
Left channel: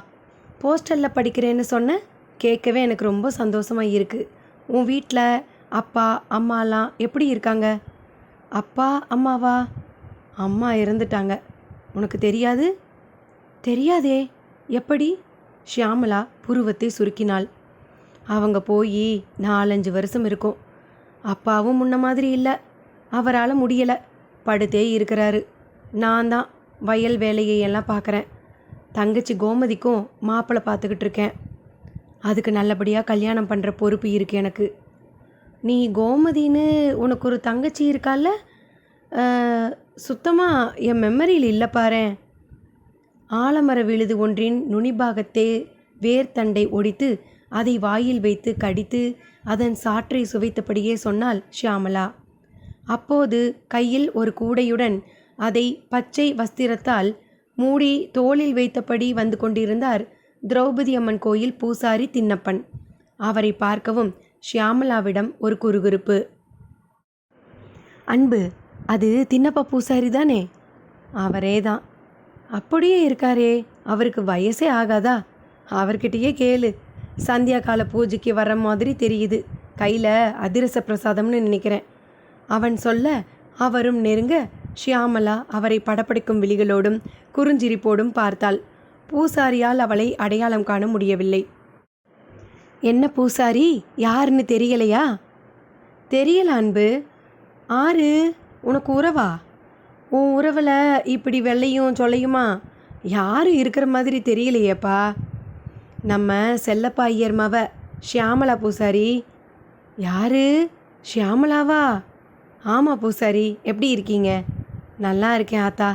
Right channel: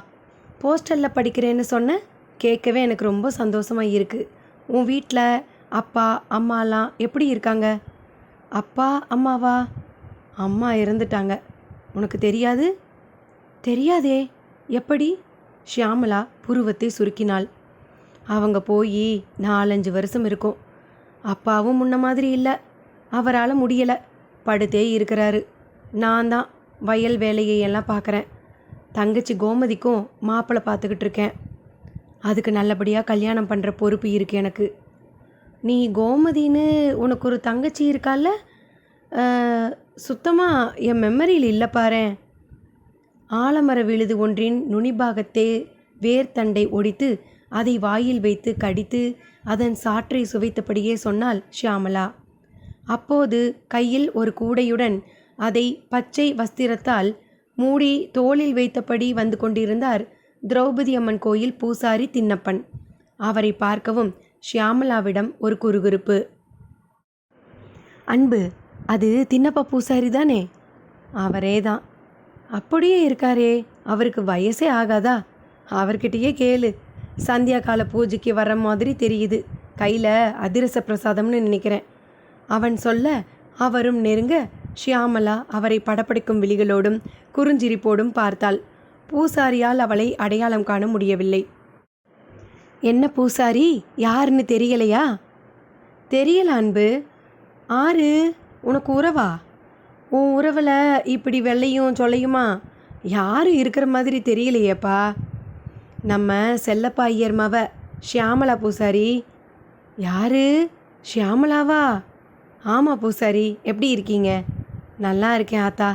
போஸ்டலில் படிக்கிறேன்னு சொன்ன கேட்கவே எனக்கு ரொம்ப சந்தோஷமாக இருக்குது. உன் வீட்டில் அப்பா அம்மாலாம் எப்படி இருக்காங்க? அப்பா அம்மாவா? அம்மா இறந்துட்டாங்க. உனக்கு தெரியாது? தெரியாதே, எப்படி? ஷியாமலா புருவத்தை சுருக்கினாள். அவங்க போய் 4-5 வருஷம் இருக்கும். அப்பாவும் முன்ன மாதிரி இல்லை. அவரால் முடியலை, படுத்தே இருக்கிறாரு. நான் தான் வயல் வேலையை எல்லாம் பார்க்குறேன். தங்கச்சி கோமதிக்கும் மாப்பிள்ளை பார்த்துக்கிட்டு இருக்கேன். அதுக்கு நல்லபடியாக கல்யாணம் பண்ணுற பொறுப்பு இருக்குது எனக்கு. நீ கோமதின்னு உனக்கு ஒரு தங்கச்சி இருக்கால? சுத்தமாக என் மெமரியில் இல்லை பாரேன். ஆலமர விழுது ஒன்றின் நுனிபாகத்தே வேர்த்தண்டை ஒடித்து அதை வாயில் வைத்து கடித்து அதன் சாற்றை சுவைத்தபடியே சொன்னாள் ஷியாமலா. அப்போது கையில் ஒரு கூடையுடன் அதை பச்சை வஸ்திரத்தால் மூடி தோளில் வைத்தபடி வந்து கொண்டிருந்தார் திரௌபதி அம்மன் கோயில் பூசாரி தின்னப்பன். அவரை பார்க்கவும் ஷியாமலாவிடம் ஒரு குறுகுறுப்பு. அன்பு, அது தின்னப்ப பூசாரி தானே? அவரே தான். அப்படியே இருக்காரே, அவருக்கு வயசே ஆகாதா? அவர்கிட்டயே கேளு. சந்தியா கால பூஜைக்கு வர மாதிரி தெரியுது. கையில் அதிரச பிரசாதம்னு நினைக்கிறேன். அவன் சொல்ல அவரும் நெருங்க ஷியாமலா அவரை படப்படிக்கும் விழிகளோடும் குறுஞ்சிரிப்போடும் பார்த்தாள். பூசாரியால் அவளை அடையாளம் காண முடியவில்லை. என்ன பூசாரி, யாருன்னு தெரியலையா? தெரியல அன்பு. ஆறு உனக்கு உறவா? உன் உறவில் இப்படி வெள்ளையும் சொல்லையுமா யாரும் இருக்கிற மாதிரி தெரியலையேப்பா. நம்ம செல்லப்பா ஐயர் மவ ஷியாமலா பூசாரி. யாரு? ஷியாமலாவா? ஆமாம் பூசாரி, எப்படி இருக்கீங்க? நல்லா இருக்கேன் ஆத்தா.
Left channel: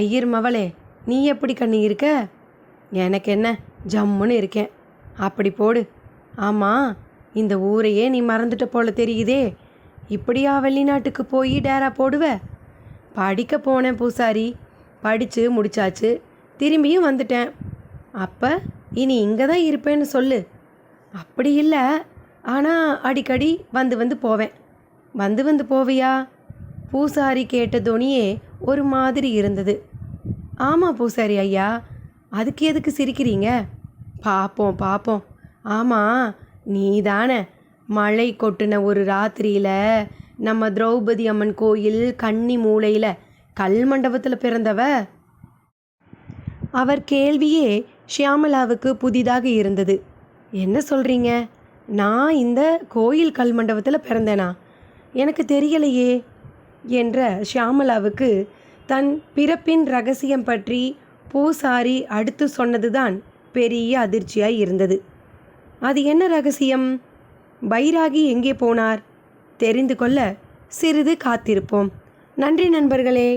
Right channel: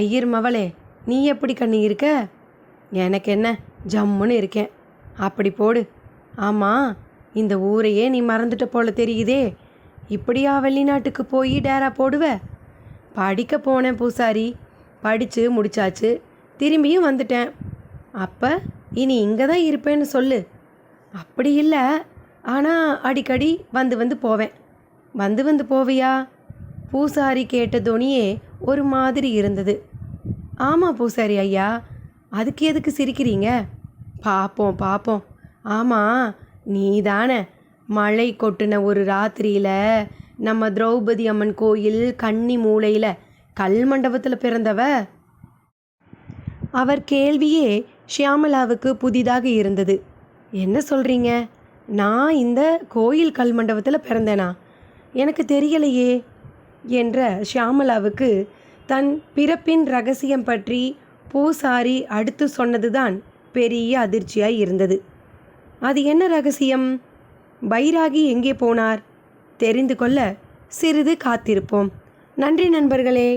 ஐயர் மவளே, நீ எப்படி கண்ணு இருக்க? எனக்கு என்ன, ஜம்முன்னு இருக்கேன். அப்படி போடு. ஆமாம், இந்த ஊரையே நீ மறந்துட்ட போல தெரியுதே. இப்படியா வெளிநாட்டுக்கு போய் டேரா போடுவ? படிக்க போனேன் பூசாரி, படித்து முடிச்சாச்சு, திரும்பியும் வந்துட்டேன். அப்போ இனி இங்கே தான் இருப்பேன்னு சொல்லு. அப்படி இல்லை, ஆனால் அடிக்கடி வந்து போவேன். வந்து போவியா? பூசாரி கேட்ட துணியே ஒரு மாதிரி இருந்தது. ஆமாம் பூசாரி ஐயா, அதுக்கு எதுக்கு சிரிக்கிறீங்க? பார்ப்போம். ஆமாம், நீ தானே மழை கொட்டின ஒரு ராத்திரியில் நம்ம திரௌபதி அம்மன் கோயில் கன்னி மூலையில் கல் மண்டபத்தில் பிறந்தவ. அவர் கேள்வியே ஷியாமலாவுக்கு புதிதாக இருந்தது. என்ன சொல்கிறீங்க? நான் இந்த கோயில் கல் மண்டபத்தில் பிறந்தேனா? எனக்கு தெரியலையே என்ற ஷியாமலாவுக்கு தன் பிறப்பின் ரகசியம் பற்றி பூசாரி அடுத்து சொன்னதுதான் பெரிய அதிர்ச்சியாய் இருந்தது. அது என்ன ரகசியம்? பைராகி எங்கே போனார்? தெரிந்து கொள்ள சிறிது காத்திருப்போம். நன்றி நண்பர்களே.